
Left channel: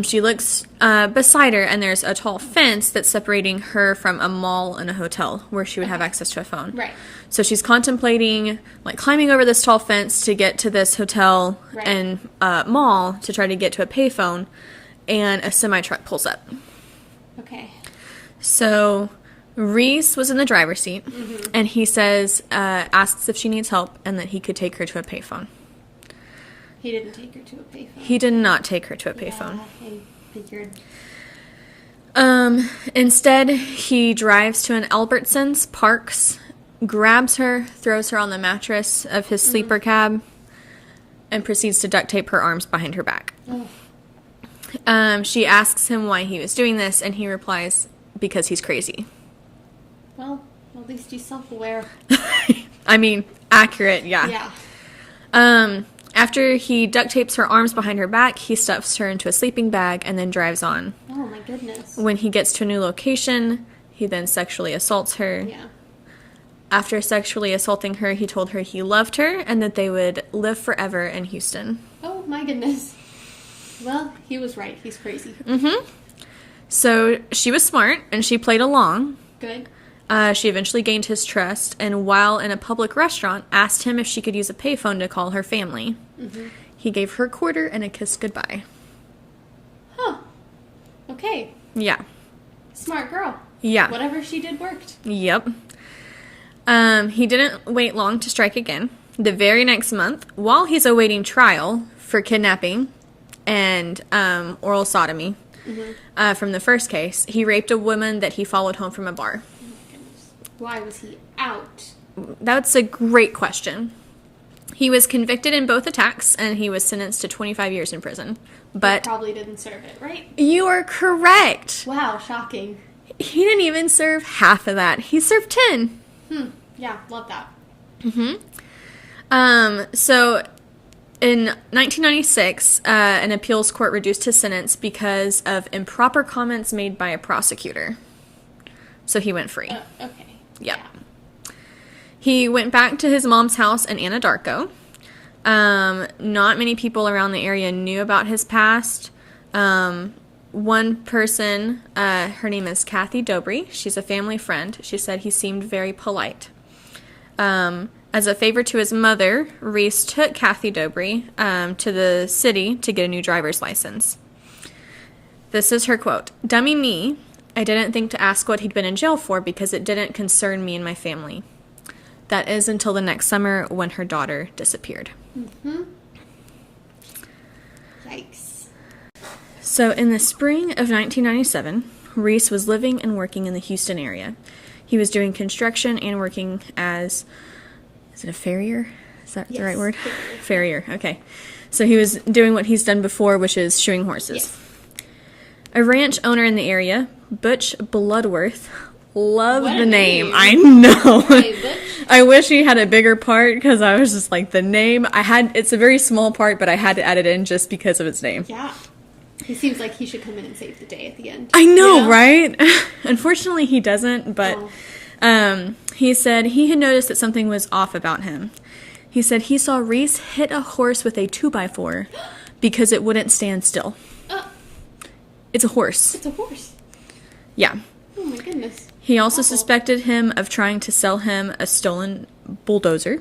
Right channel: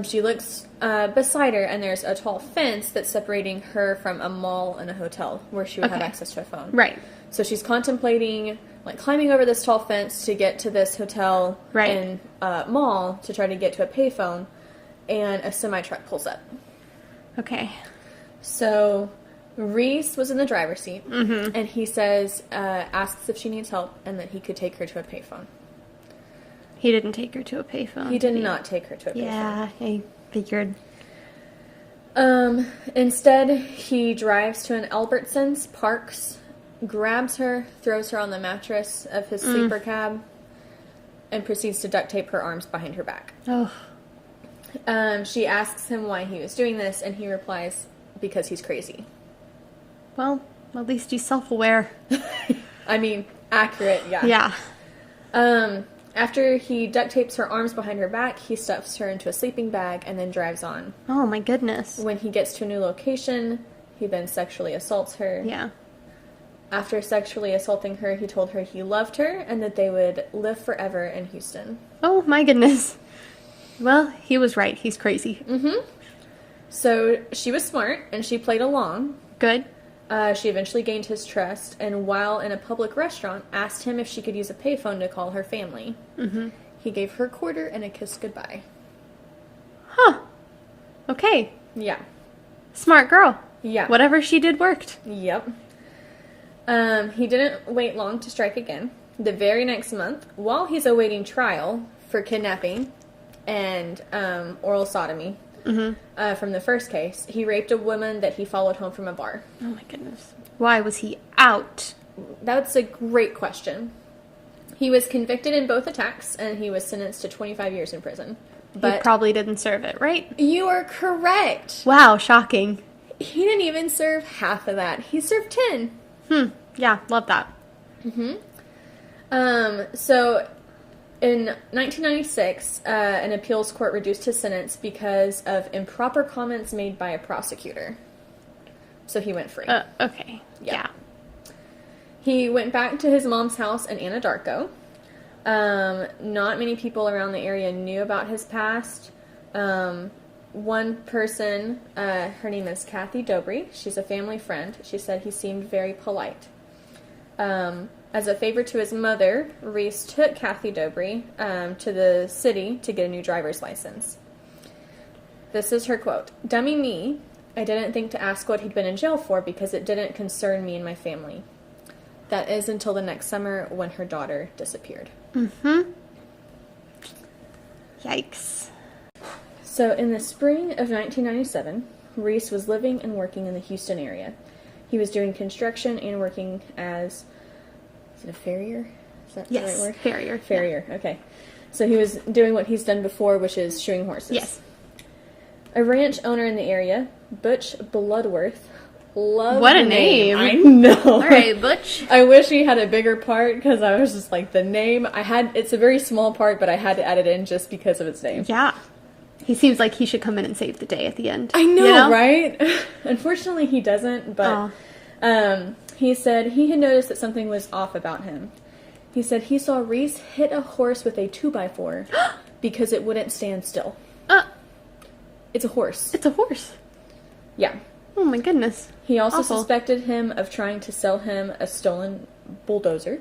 She looks beside her, and there's a tall fence that's separating her from a mall and a hotel where she would have Okay. access to a phone. Right. So she's contemplating, like, climbing over this tall fence to get to this hotel Right. and mall to try to get to a payphone, and a semi-truck pulls up. Okay. So Reese was in the driver's seat, and he says, asks if she needs help, and that he could take her to a payphone. He didn't take her to a payphone. He did not take her to a payphone. Yeah, I figured. Instead, he drives to an Albertsons, parks, grabs her, throws her on the mattress of his sleeper cab, and proceeds to duct tape her arms behind her back. Oh. She asks him why he was doing this, and he replies, because he's crazy. Well, at least he's self-aware. I mean, accurate, yeah. Yeah. After he duct tapes her arms behind her back, he stuffs her into a sleeping bag and then drives on. Oh, my goodness. When he gets to a new location, he then sexually assaults her. Yeah. After sexually assaulting her, he told her he loved her and that they would live forever in Houston. Oh, my goodness. Well, he was right. He's crazy. So she was smart and she played along. Good. She eventually gained his trust, and while in a public restaurant, asked him if she could use a payphone to call her family. He gave her a quarter and a kiss goodbye. Huh. Okay. Yeah. Smart girl. Yeah. Whatever she did worked. Yep. He didn't wait long to strike again. The very next month, while he's awaiting trial for kidnapping and oral sodomy from the first case, he raped a woman that he followed home from a bar. Oh, my goodness. Why was he out? That's a great question. He was convicted in both attacks, and he was sentenced to 25 years in prison. He But probably didn't serve it, right? you are correct. Wow, shocking. He didn't even serve half of that. He served 10. Yeah, love that. So in 1996, an appeals court reduced his sentence because of improper comments made by a prosecutor. So he went free. Okay. Yep. Yeah. He went back to his mom's house in Anadarko. Not many people around the area knew about his past. One person, her name is Kathy Dobry. She's a family friend. She said he seemed very polite. As a favor to his mother, Reese took Kathy Dobry to the city to get a new driver's license. This is her quote. "Dummy me, I didn't think to ask what he'd been in jail for because it didn't concern me and my family." That is until the next summer when her daughter disappeared. Yikes. So in the spring of 1997, Reese was living and working in the Houston area. He was doing construction and working as, is it a farrier? Is that the Yes, right word? farrier. Farrier, okay. So he was doing what he's done before, which is shoeing horses. Yes. A ranch owner in the area, Butch Bloodworth, loved What a the name. I know. All right, Butch. I wish he had a bigger part because I was just like, the name, it's a very small part, but I had to add it in just because of its name. Yeah. He seems like he should come in and save the day at the end. I know, You know? right? Unfortunately, he doesn't, but Oh. he said he had noticed that something was off about him. He said he saw Reese hit a horse with a 2x4 because it wouldn't stand still. It's a horse. It's a horse. Yeah. Oh my goodness. He also Awful. suspected him of trying to sell him a stolen bulldozer.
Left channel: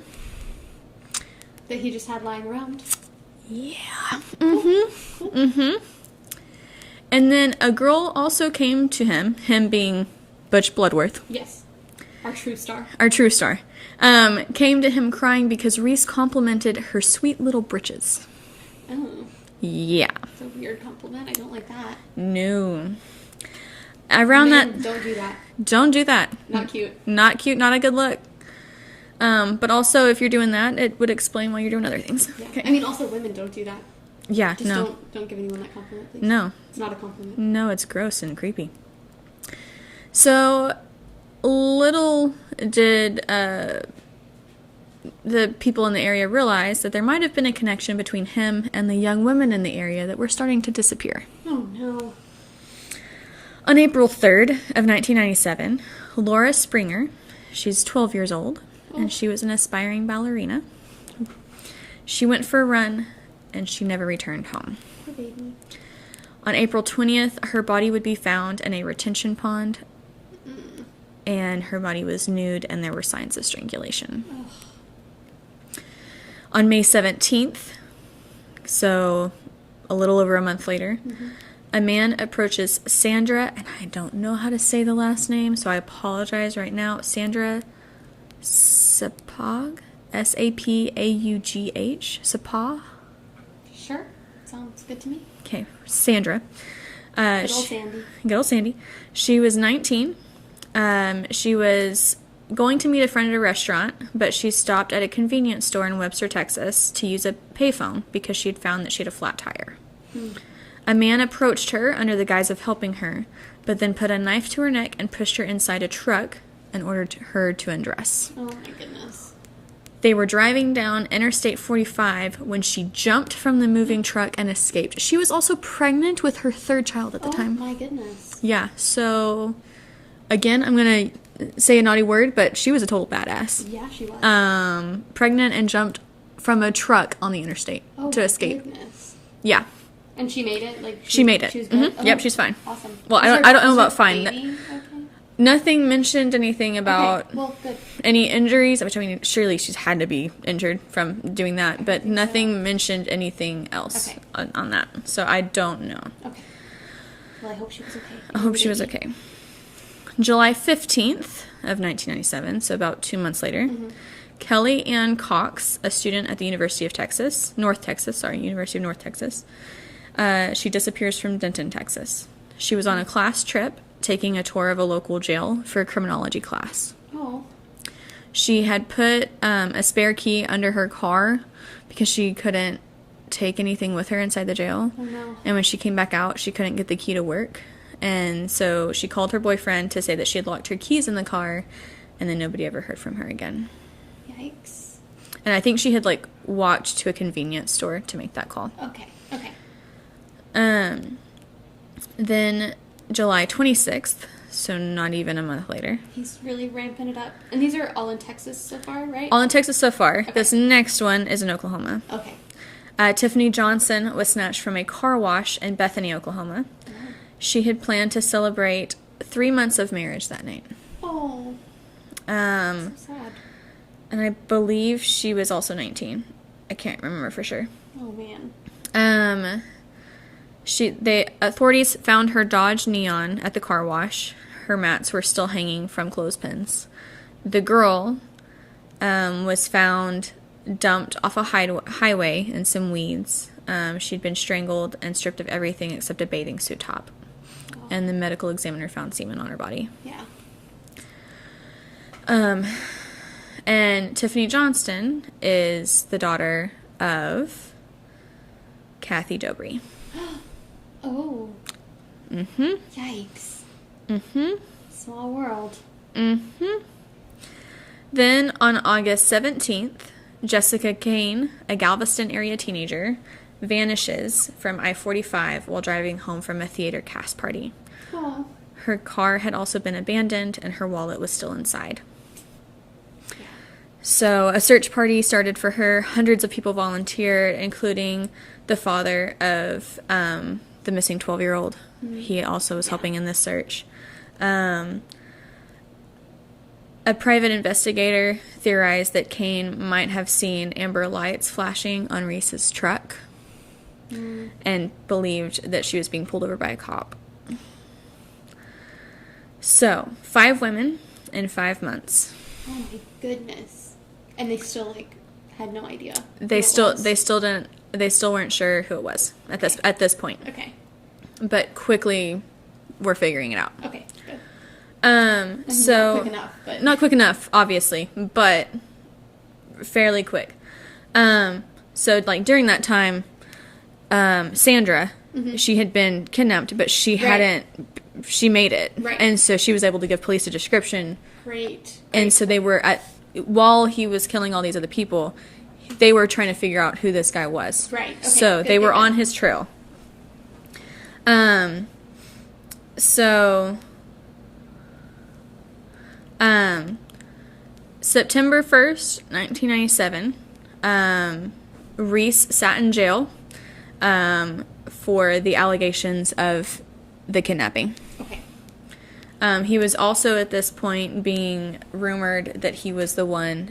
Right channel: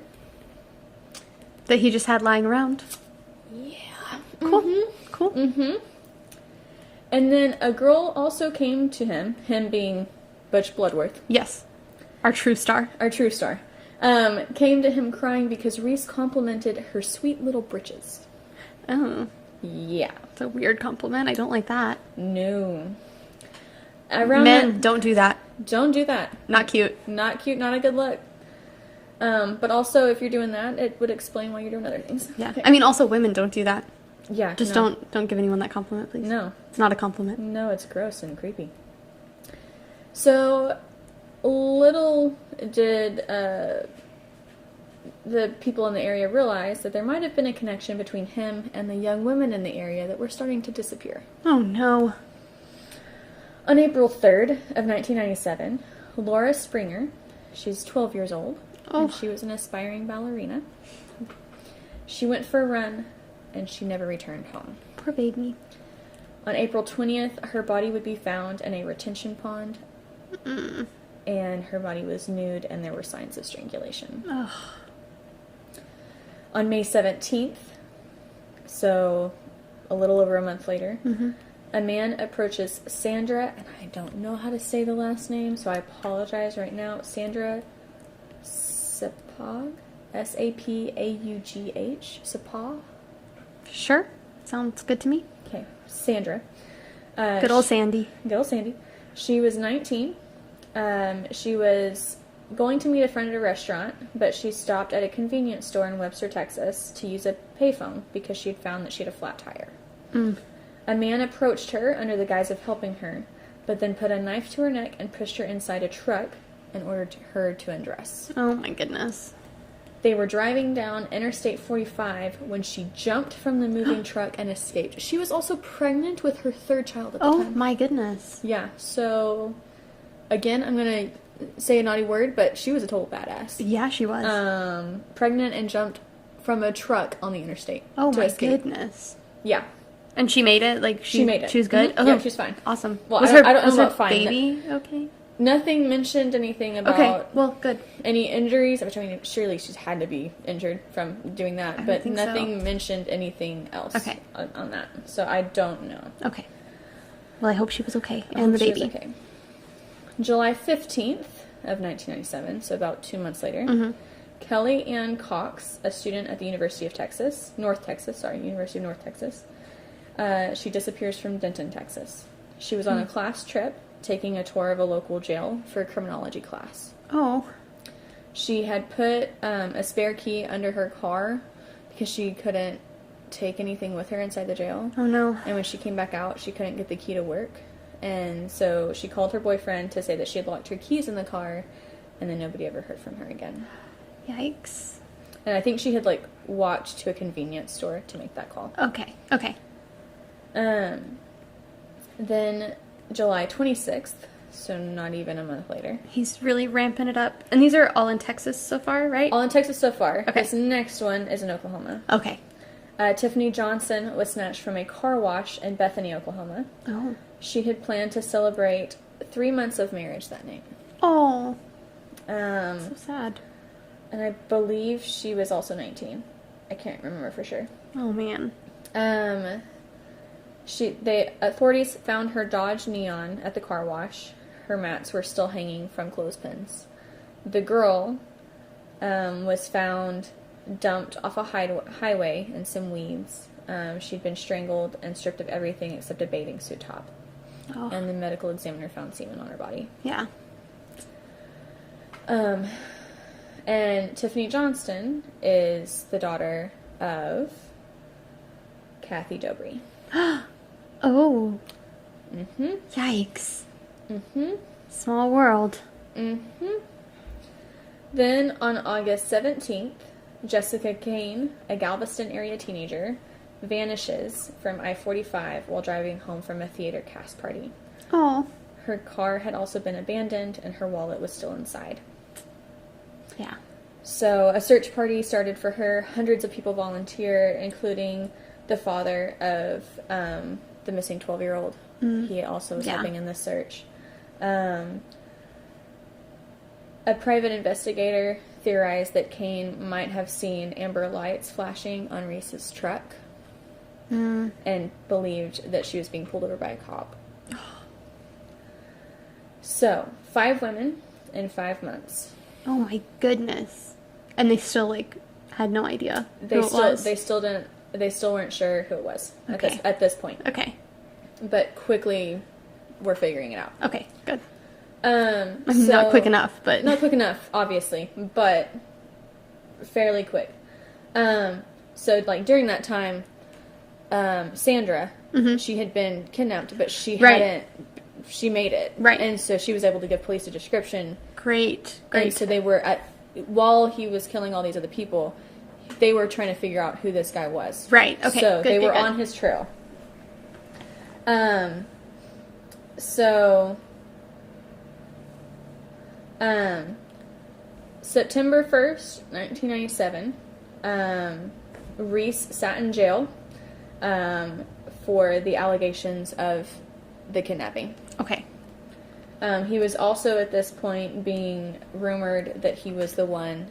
That he just had lying around. Yeah. Cool. Mm-hmm. Cool. Mm-hmm. And then a girl also came to him being Butch Bloodworth. Yes. Our true star. Our true star. Came to him crying because Reese complimented her sweet little britches. Oh. Yeah. It's a weird compliment. I don't like that. No. Around Men, don't do that. Don't do that. Not cute. Not cute, not a good look. But also, if you're doing that, it would explain why you're doing other things. Yeah. Okay. I mean, also women, don't do that. Yeah, Just no. don't give anyone that compliment, please. No. It's not a compliment. No, it's gross and creepy. So, little did the people in the area realize that there might have been a connection between him and the young women in the area that were starting to disappear. Oh, no. On April 3rd of 1997, Laura Springer, she's 12 years old, and she was an aspiring ballerina. She went for a run, and she never returned home. Poor baby. On April 20th, her body would be found in a retention pond, and her body was nude, and there were signs of strangulation. Ugh. On May 17th, so a little over a month later, a man approaches Sandra, and I don't know how to say the last name, so I apologize right now. Sandra Sapag? S-A-P-A-U-G-H? Sapag? Sure. Sounds good to me. Okay, Sandra. Good old Sandy. Good old Sandy. She was 19. She was going to meet a friend at a restaurant, but she stopped at a convenience store in Webster, Texas to use a payphone because she had found that she had a flat tire. A man approached her under the guise of helping her, but then put a knife to her neck and pushed her inside a truck and ordered her to undress. Oh, my goodness. They were driving down Interstate 45 when she jumped from the moving truck and escaped. She was also pregnant with her third child at the time. Oh, my goodness. Yeah, so, again, I'm going to say a naughty word, but she was a total badass. Yeah, she was. Pregnant and jumped from a truck on the interstate to escape. Goodness. Yeah. And she made it? Like, She made it. She was good? Mhm. Yep, she's fine. Awesome. Well, Was I don't know was about her fine. baby okay? Nothing mentioned anything about Okay, well, good. any injuries, which I mean, surely she's had to be injured from doing that, but think nothing so. mentioned anything else Okay. on that. So I don't know. Okay. Well, I hope she was okay. I hope she was okay. July 15th of 1997, so about 2 months later, Kelly Ann Cox, a student at the University of North Texas, she disappears from Denton, Texas. She was on a class trip, taking a tour of a local jail for a criminology class. Oh. She had put a spare key under her car because she couldn't take anything with her inside the jail. Oh, no. And when she came back out, she couldn't get the key to work. And so she called her boyfriend to say that she had locked her keys in the car, and then nobody ever heard from her again. Yikes. And I think she had, like, walked to a convenience store to make that call. Okay. Okay. Then July 26th, so not even a month later. He's really ramping it up. And these are all in Texas so far, right? All in Texas so far. Okay. This next one is in Oklahoma. Okay. Tiffany Johnson was snatched from a car wash in Bethany, Oklahoma. Oh. She had planned to celebrate 3 months of marriage that night. Oh. So sad. And I believe she was also 19. I can't remember for sure. Oh, man. Authorities found her Dodge Neon at the car wash. Her mats were still hanging from clothespins. The girl was found dumped off a highway in some weeds. She'd been strangled and stripped of everything except a bathing suit top. Oh. And the medical examiner found semen on her body. Yeah. And Tiffany Johnston is the daughter of Kathy Dobry. Oh. Mm-hmm. Yikes. Mm-hmm. Small world. Mm-hmm. Then on August 17th, Jessica Kane, a Galveston area teenager, vanishes from I-45 while driving home from a theater cast party. Oh. Her car had also been abandoned and her wallet was still inside. Yeah. So a search party started for her. Hundreds of people volunteered, including the father of the missing 12-year-old. He also was helping in this search. A private investigator theorized that Kane might have seen amber lights flashing on Reese's truck and believed that she was being pulled over by a cop. So, 5 women in 5 months. Oh my goodness. And they still, like, had no idea They still weren't sure who it was at this point. Okay. But quickly were figuring it out. Okay, good. So not quick enough, but... Not quick enough, obviously, but fairly quick. So, like, during that time, Sandra, she had been kidnapped, but she hadn't... She made it. Right. And so she was able to give police a description. Great. And so they were while he was killing all these other people, they were trying to figure out who this guy was. Right. Okay. So they were on his trail. September 1st, 1997, Reese sat in jail for the allegations of the kidnapping. Okay. He was also at this point being rumored that he was the one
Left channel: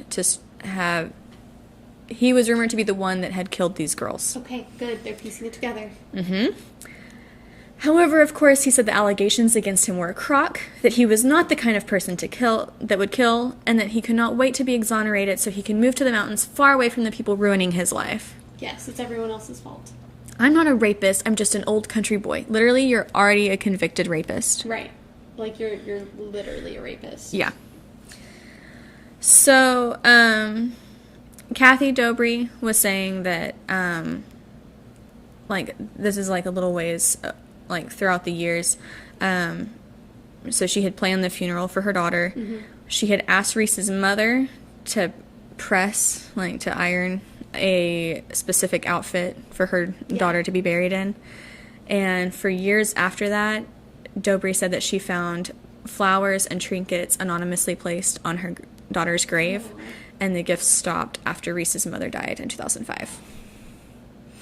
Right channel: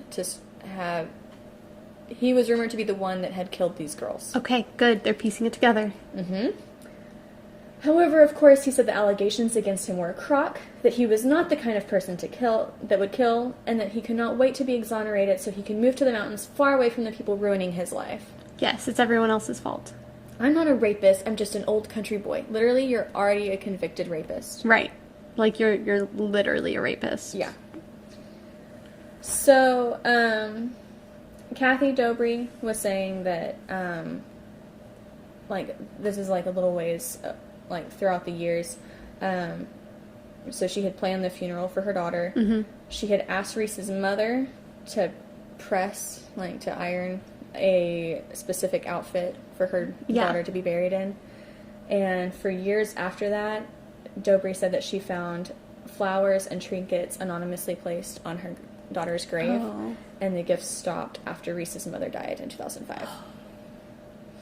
he was rumored to be the one that had killed these girls. Okay, good. They're piecing it together. However, of course, he said the allegations against him were a crock, that he was not the kind of person that would kill, and that he could not wait to be exonerated so he could move to the mountains far away from the people ruining his life. Yes, it's everyone else's fault. I'm not a rapist, I'm just an old country boy. Literally, you're already a convicted rapist. Right. Like, you're literally a rapist. Yeah. So, Kathy Dobry was saying that, like, this is, like, a little ways, like, throughout the years. So she had planned the funeral for her daughter. She had asked Reese's mother to press, like, to iron a specific outfit for her daughter to be buried in. And for years after that, Dobry said that she found flowers and trinkets anonymously placed on her daughter's grave, and the gifts stopped after Reese's mother died in 2005.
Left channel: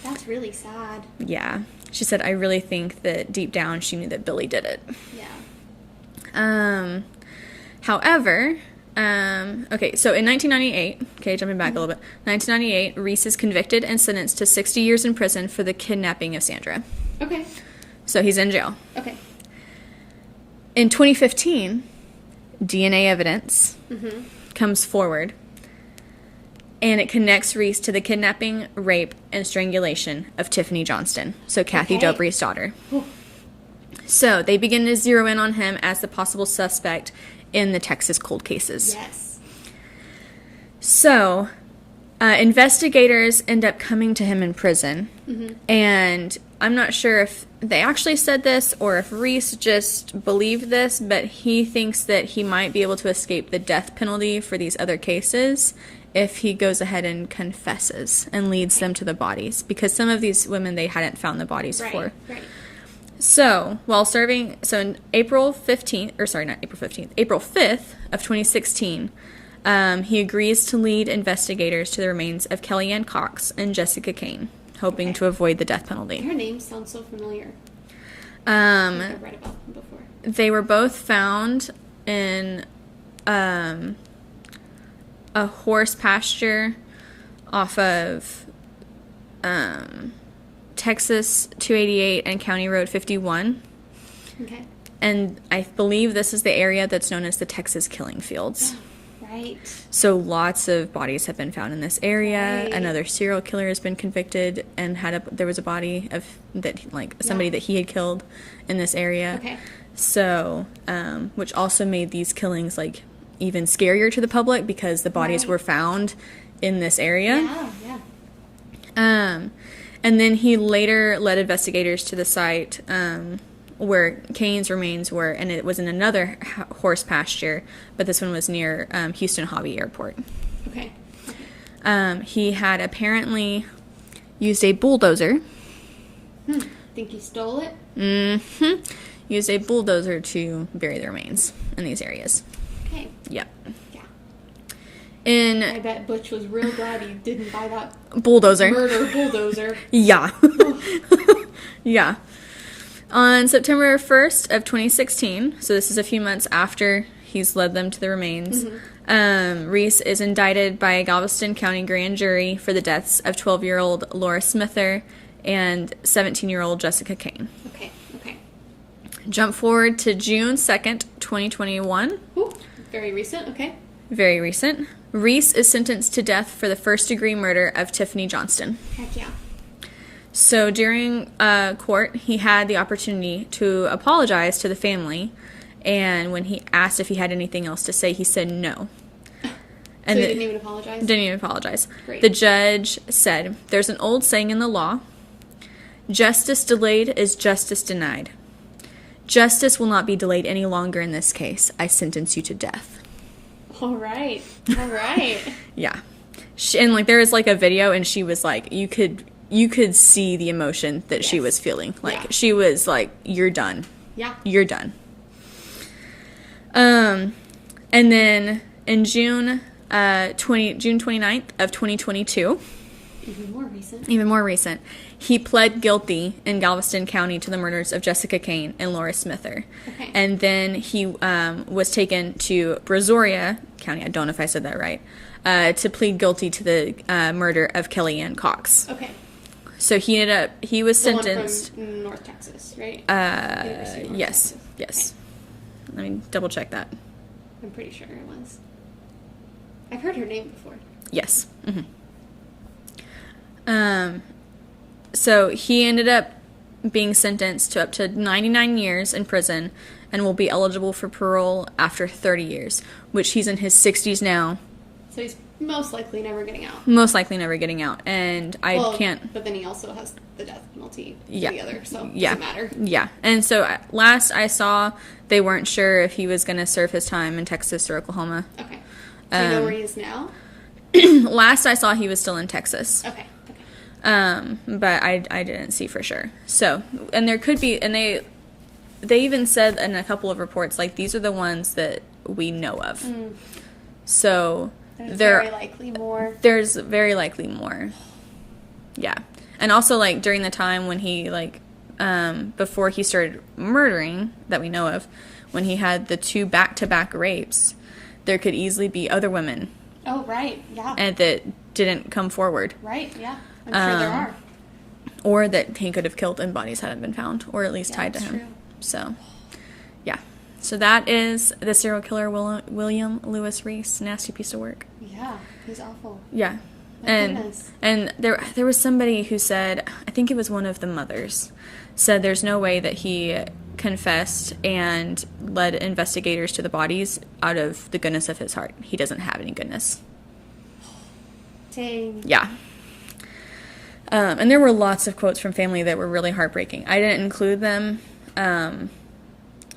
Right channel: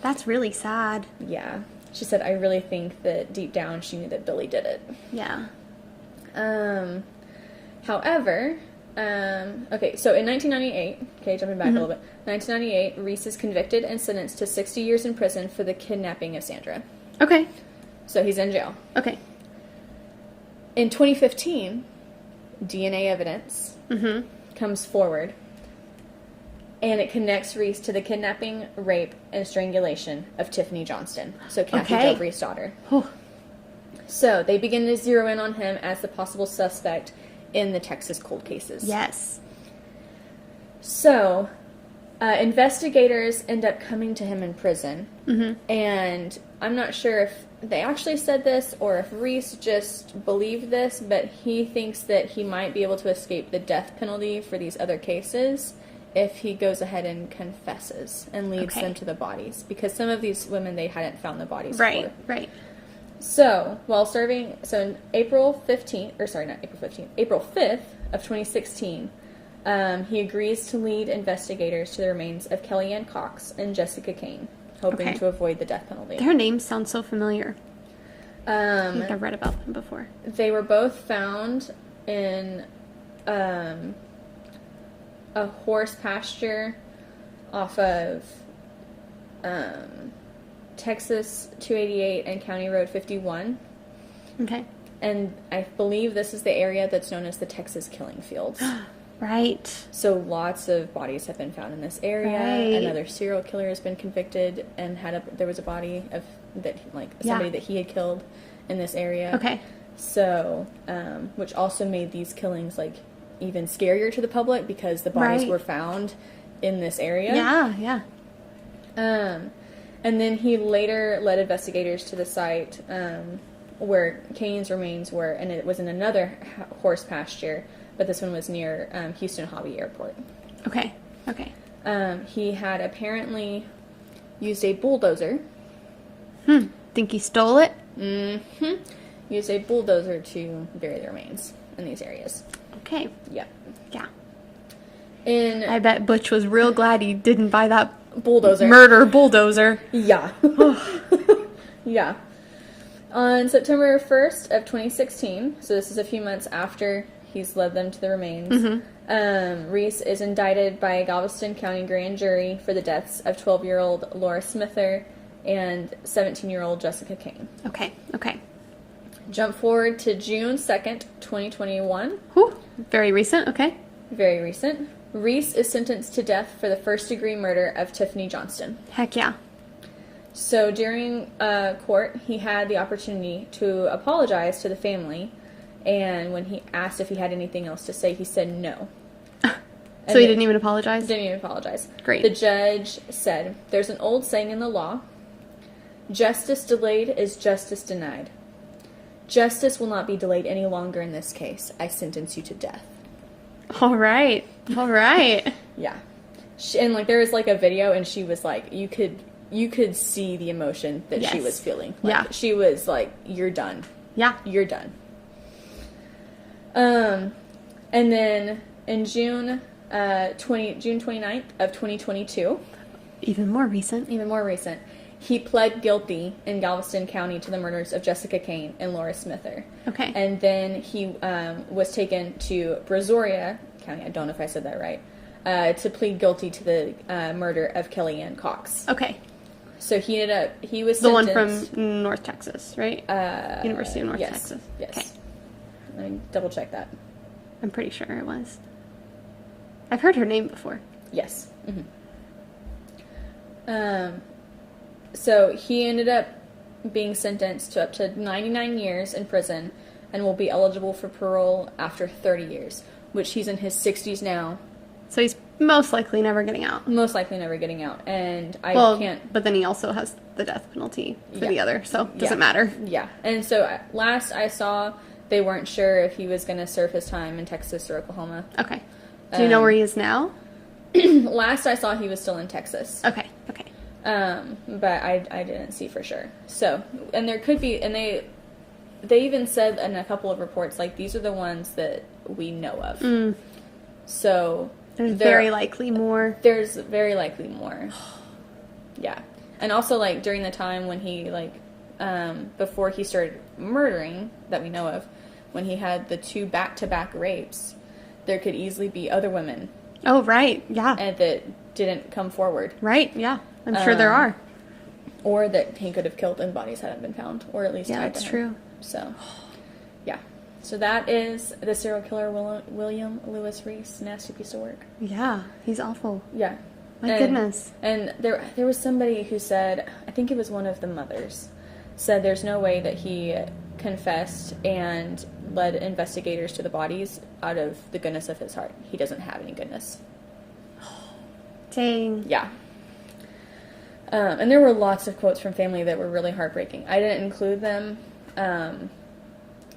That's really sad. Yeah. She said, I really think that deep down she knew that Billy did it. Yeah. However, okay, so in 1998, okay, jumping back a little bit, 1998, Reese is convicted and sentenced to 60 years in prison for the kidnapping of Sandra. Okay. So he's in jail. Okay. In 2015, DNA evidence comes forward, and it connects Reese to the kidnapping, rape, and strangulation of Tiffany Johnston, so Kathy Dobry's daughter. So they begin to zero in on him as the possible suspect in the Texas cold cases. Yes. So, investigators end up coming to him in prison, and I'm not sure if they actually said this or if Reese just believed this, but he thinks that he might be able to escape the death penalty for these other cases if he goes ahead and confesses and leads them to the bodies, because some of these women, they hadn't found the bodies for. Right. So, while serving, in April 5th of 2016, he agrees to lead investigators to the remains of Kellyanne Cox and Jessica Kane, hoping to avoid the death penalty. Their names sound so familiar. I think I've read about them before. They were both found in a horse pasture off of Texas 288 and County Road 51. Okay. And I believe this is the area that's known as the Texas Killing Fields. Right. So lots of bodies have been found in this area. Right. Another serial killer has been convicted and there was a body of somebody that he had killed in this area. Okay. So, which also made these killings like even scarier to the public because the bodies were found in this area. Yeah. And then he later led investigators to the site where Kane's remains were, and it was in another horse pasture, but this one was near Houston Hobby Airport. Okay. He had apparently used a bulldozer. Think he stole it? Used a bulldozer to bury the remains in these areas. Okay. Yep. Yeah. I I bet Butch was real glad he didn't buy that bulldozer. murder bulldozer. Yeah. Yeah. On September 1st of 2016, so this is a few months after He's led them to the remains. Reese is indicted by a Galveston County grand jury for the deaths of 12-year-old Laura Smither and 17-year-old Jessica Kane. Okay. Jump forward to June 2nd, 2021. Whew. Very recent. Okay. Very recent. Reese is sentenced to death for the first-degree murder of Tiffany Johnston. Heck yeah. So during court, he had the opportunity to apologize to the family, and when he asked if he had anything else to say, he said no. So he didn't even apologize? Didn't even apologize. Great. The judge said, "There's an old saying in the law, justice delayed is justice denied. Justice will not be delayed any longer in this case. I sentence you to death." All right. Yeah. And, like, there was, like, a video, and she was, like, you could see the emotion that she was feeling. Like, she was like, "You're done. Yeah. You're done." And then in June 29th of 2022, Even more recent, he pled guilty in Galveston County to the murders of Jessica Kane and Laura Smither. Okay. And then he was taken to Brazoria County, I don't know if I said that right, to plead guilty to the murder of Kellyanne Cox. Okay. So he was The sentenced. one from North Texas, right? University of North Texas. Yes. Let me double check that. I'm pretty sure it was. I've heard her name before. Yes. So he ended up being sentenced to up to 99 years in prison and will be eligible for parole after 30 years, which he's in his 60s now. So he's most likely never getting out. Most likely never getting out. And I can't... But then he also has the death penalty for the other, so it Yeah. doesn't matter. Yeah. And so last I saw, they weren't sure if he was going to serve his time in Texas or Oklahoma. Okay. Do you know where he is now? Last I saw, he was still in Texas. Okay. But I didn't see for sure. So, and there could be, and they even said in a couple of reports, like, these are the ones that we know of. So There's very likely more. There's very likely more. Yeah. And also, like, during the time when he, like, before he started murdering, that we know of, when he had the 2 back-to-back rapes, there could easily be other women. Oh, right. Yeah. And that didn't come forward. Right. Yeah. I'm sure there are. Or that he could have killed and bodies hadn't been found, or at least tied to him. That's true. So, yeah. So that is the serial killer, William Lewis Reese. Nasty piece of work. Yeah. He's awful. Yeah. My goodness. And there was somebody who said, I think it was one of the mothers, said there's no way that he confessed and led investigators to the bodies out of the goodness of his heart. He doesn't have any goodness. Dang. Yeah. And there were lots of quotes from family that were really heartbreaking. I didn't include them,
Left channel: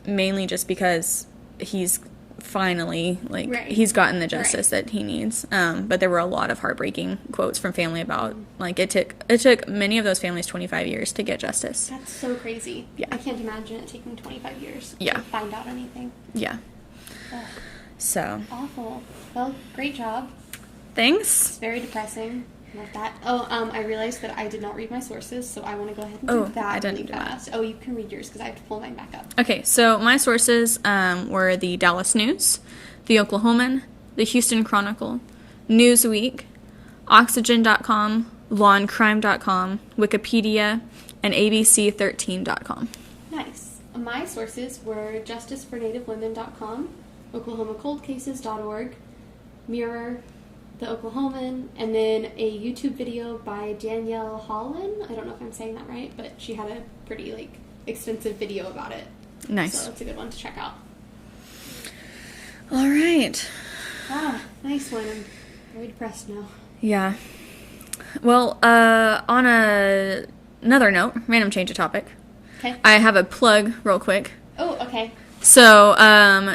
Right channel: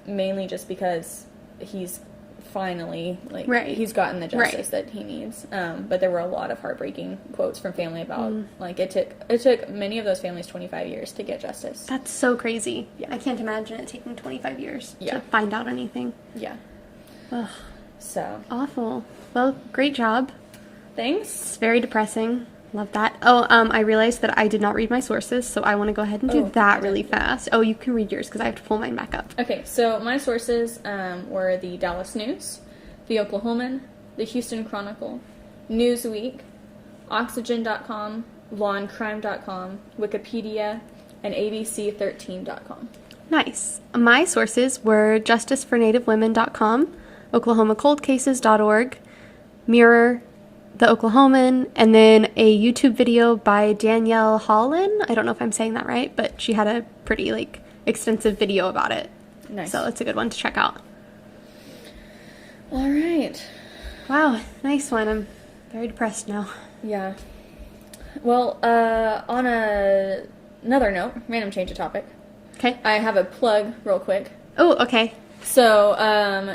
mainly just because he's finally, like, he's gotten the justice that he needs. But there were a lot of heartbreaking quotes from family about, like, it took many of those families 25 years to get justice. That's so crazy. Yeah. I can't imagine it taking 25 years Yeah. to find out anything. Yeah. Ugh. So. Awful. Well, great job. Thanks. It's very depressing. Love that. Oh, I realized that I did not read my sources, so I want to go ahead and do that really fast. Oh, you can read yours because I have to pull mine back up. Okay, so my sources were the Dallas News, the Oklahoman, the Houston Chronicle, Newsweek, Oxygen.com, LawandCrime.com, Wikipedia, and ABC13.com. Nice. My sources were JusticeForNativeWomen.com, OklahomaColdCases.org, Mirror, The Oklahoman, and then a YouTube video by Danielle Holland. I don't know if I'm saying that right, but she had a pretty, like, extensive video about it. Nice. So it's a good one to check out. All right. Wow, nice one. I'm very depressed now. Yeah. Well, on another note, random change of topic. Okay. I have a plug real quick. Oh, okay. So,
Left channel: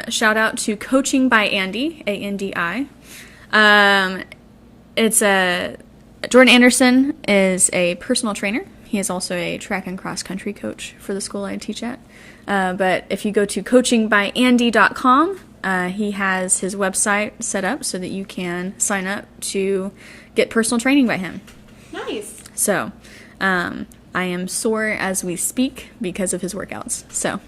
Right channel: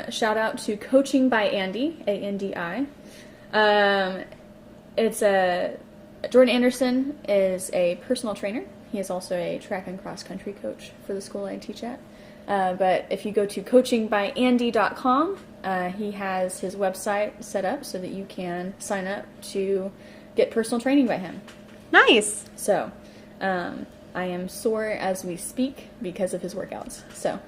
shout out to Coaching by Andy, A-N-D-I. Jordan Anderson is a personal trainer. He is also a track and cross country coach for the school I teach at. But if you go to coachingbyandy.com, he has his website set up so that you can sign up to get personal training by him. Nice. So, I am sore as we speak because of his workouts. So,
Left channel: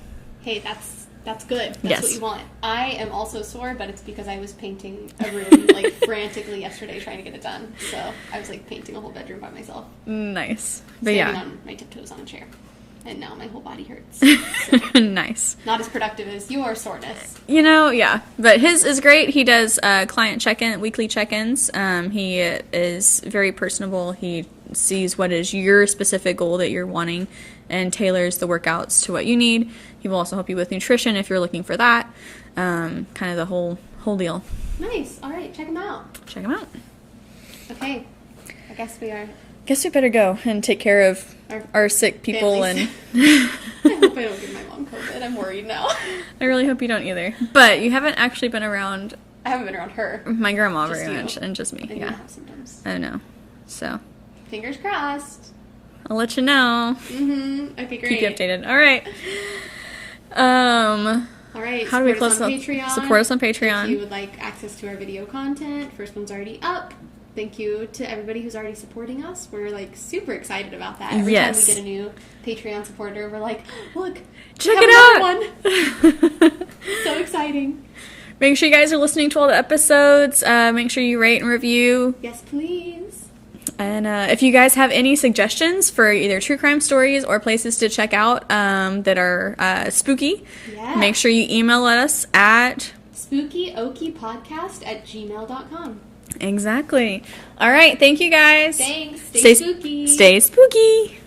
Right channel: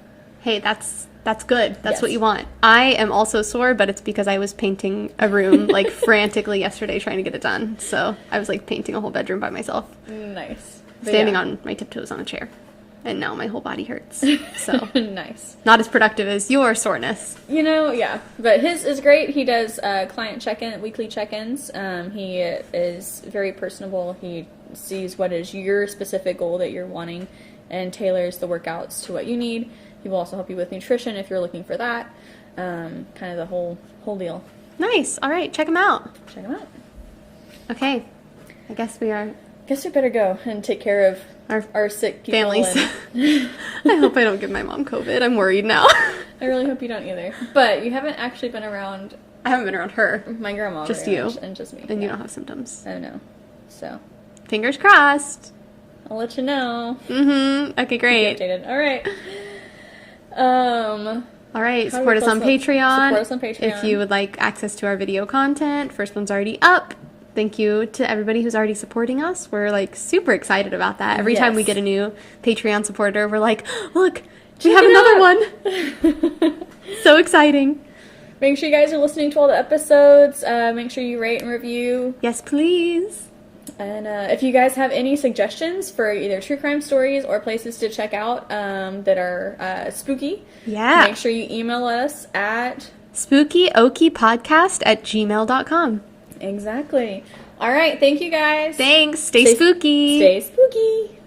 Hey, that's That's good. That's Yes. what you want. I am also sore, but it's because I was painting a room like frantically yesterday trying to get it done. So I was like painting a whole bedroom by myself. Nice. But Standing yeah. on my tiptoes on a chair. And now my whole body hurts. So Nice. not as productive as your soreness. You know, yeah. But his is great. He does client weekly check-ins. He is very personable. He sees what is your specific goal that you're wanting and tailors the workouts to what you need. He will also help you with nutrition if you're looking for that. Kind of the whole deal. Nice. All right. Check them out. Check him out. Okay. I guess we are Guess we better go and take care of our sick people. families. And I hope I don't give my mom COVID. I'm worried now. I really hope you don't either. But you haven't actually been around I haven't been around her. my grandma Just very you. much, and just me. And you yeah. don't have symptoms. I know. So Fingers crossed. I'll let you know. Mm-hmm. Okay, great. Keep you updated. All right. All right, How do support we us on close up? Patreon. Support us on Patreon. If you would like access to our video content, first one's already up. Thank you to everybody who's already supporting us. We're like super excited about that. Every time we Yes. get a new Patreon supporter, we're like, look, Check we have it another one. So exciting. Make sure you guys are listening to all the episodes. Make sure you rate and review. Yes, please. And if you guys have any suggestions for either true crime stories or places to check out that are spooky, Yeah. make sure you email us at... spookyokiepodcast@gmail.com. Exactly. All right. Thank you guys. Thanks. Stay spooky. Stay spooky.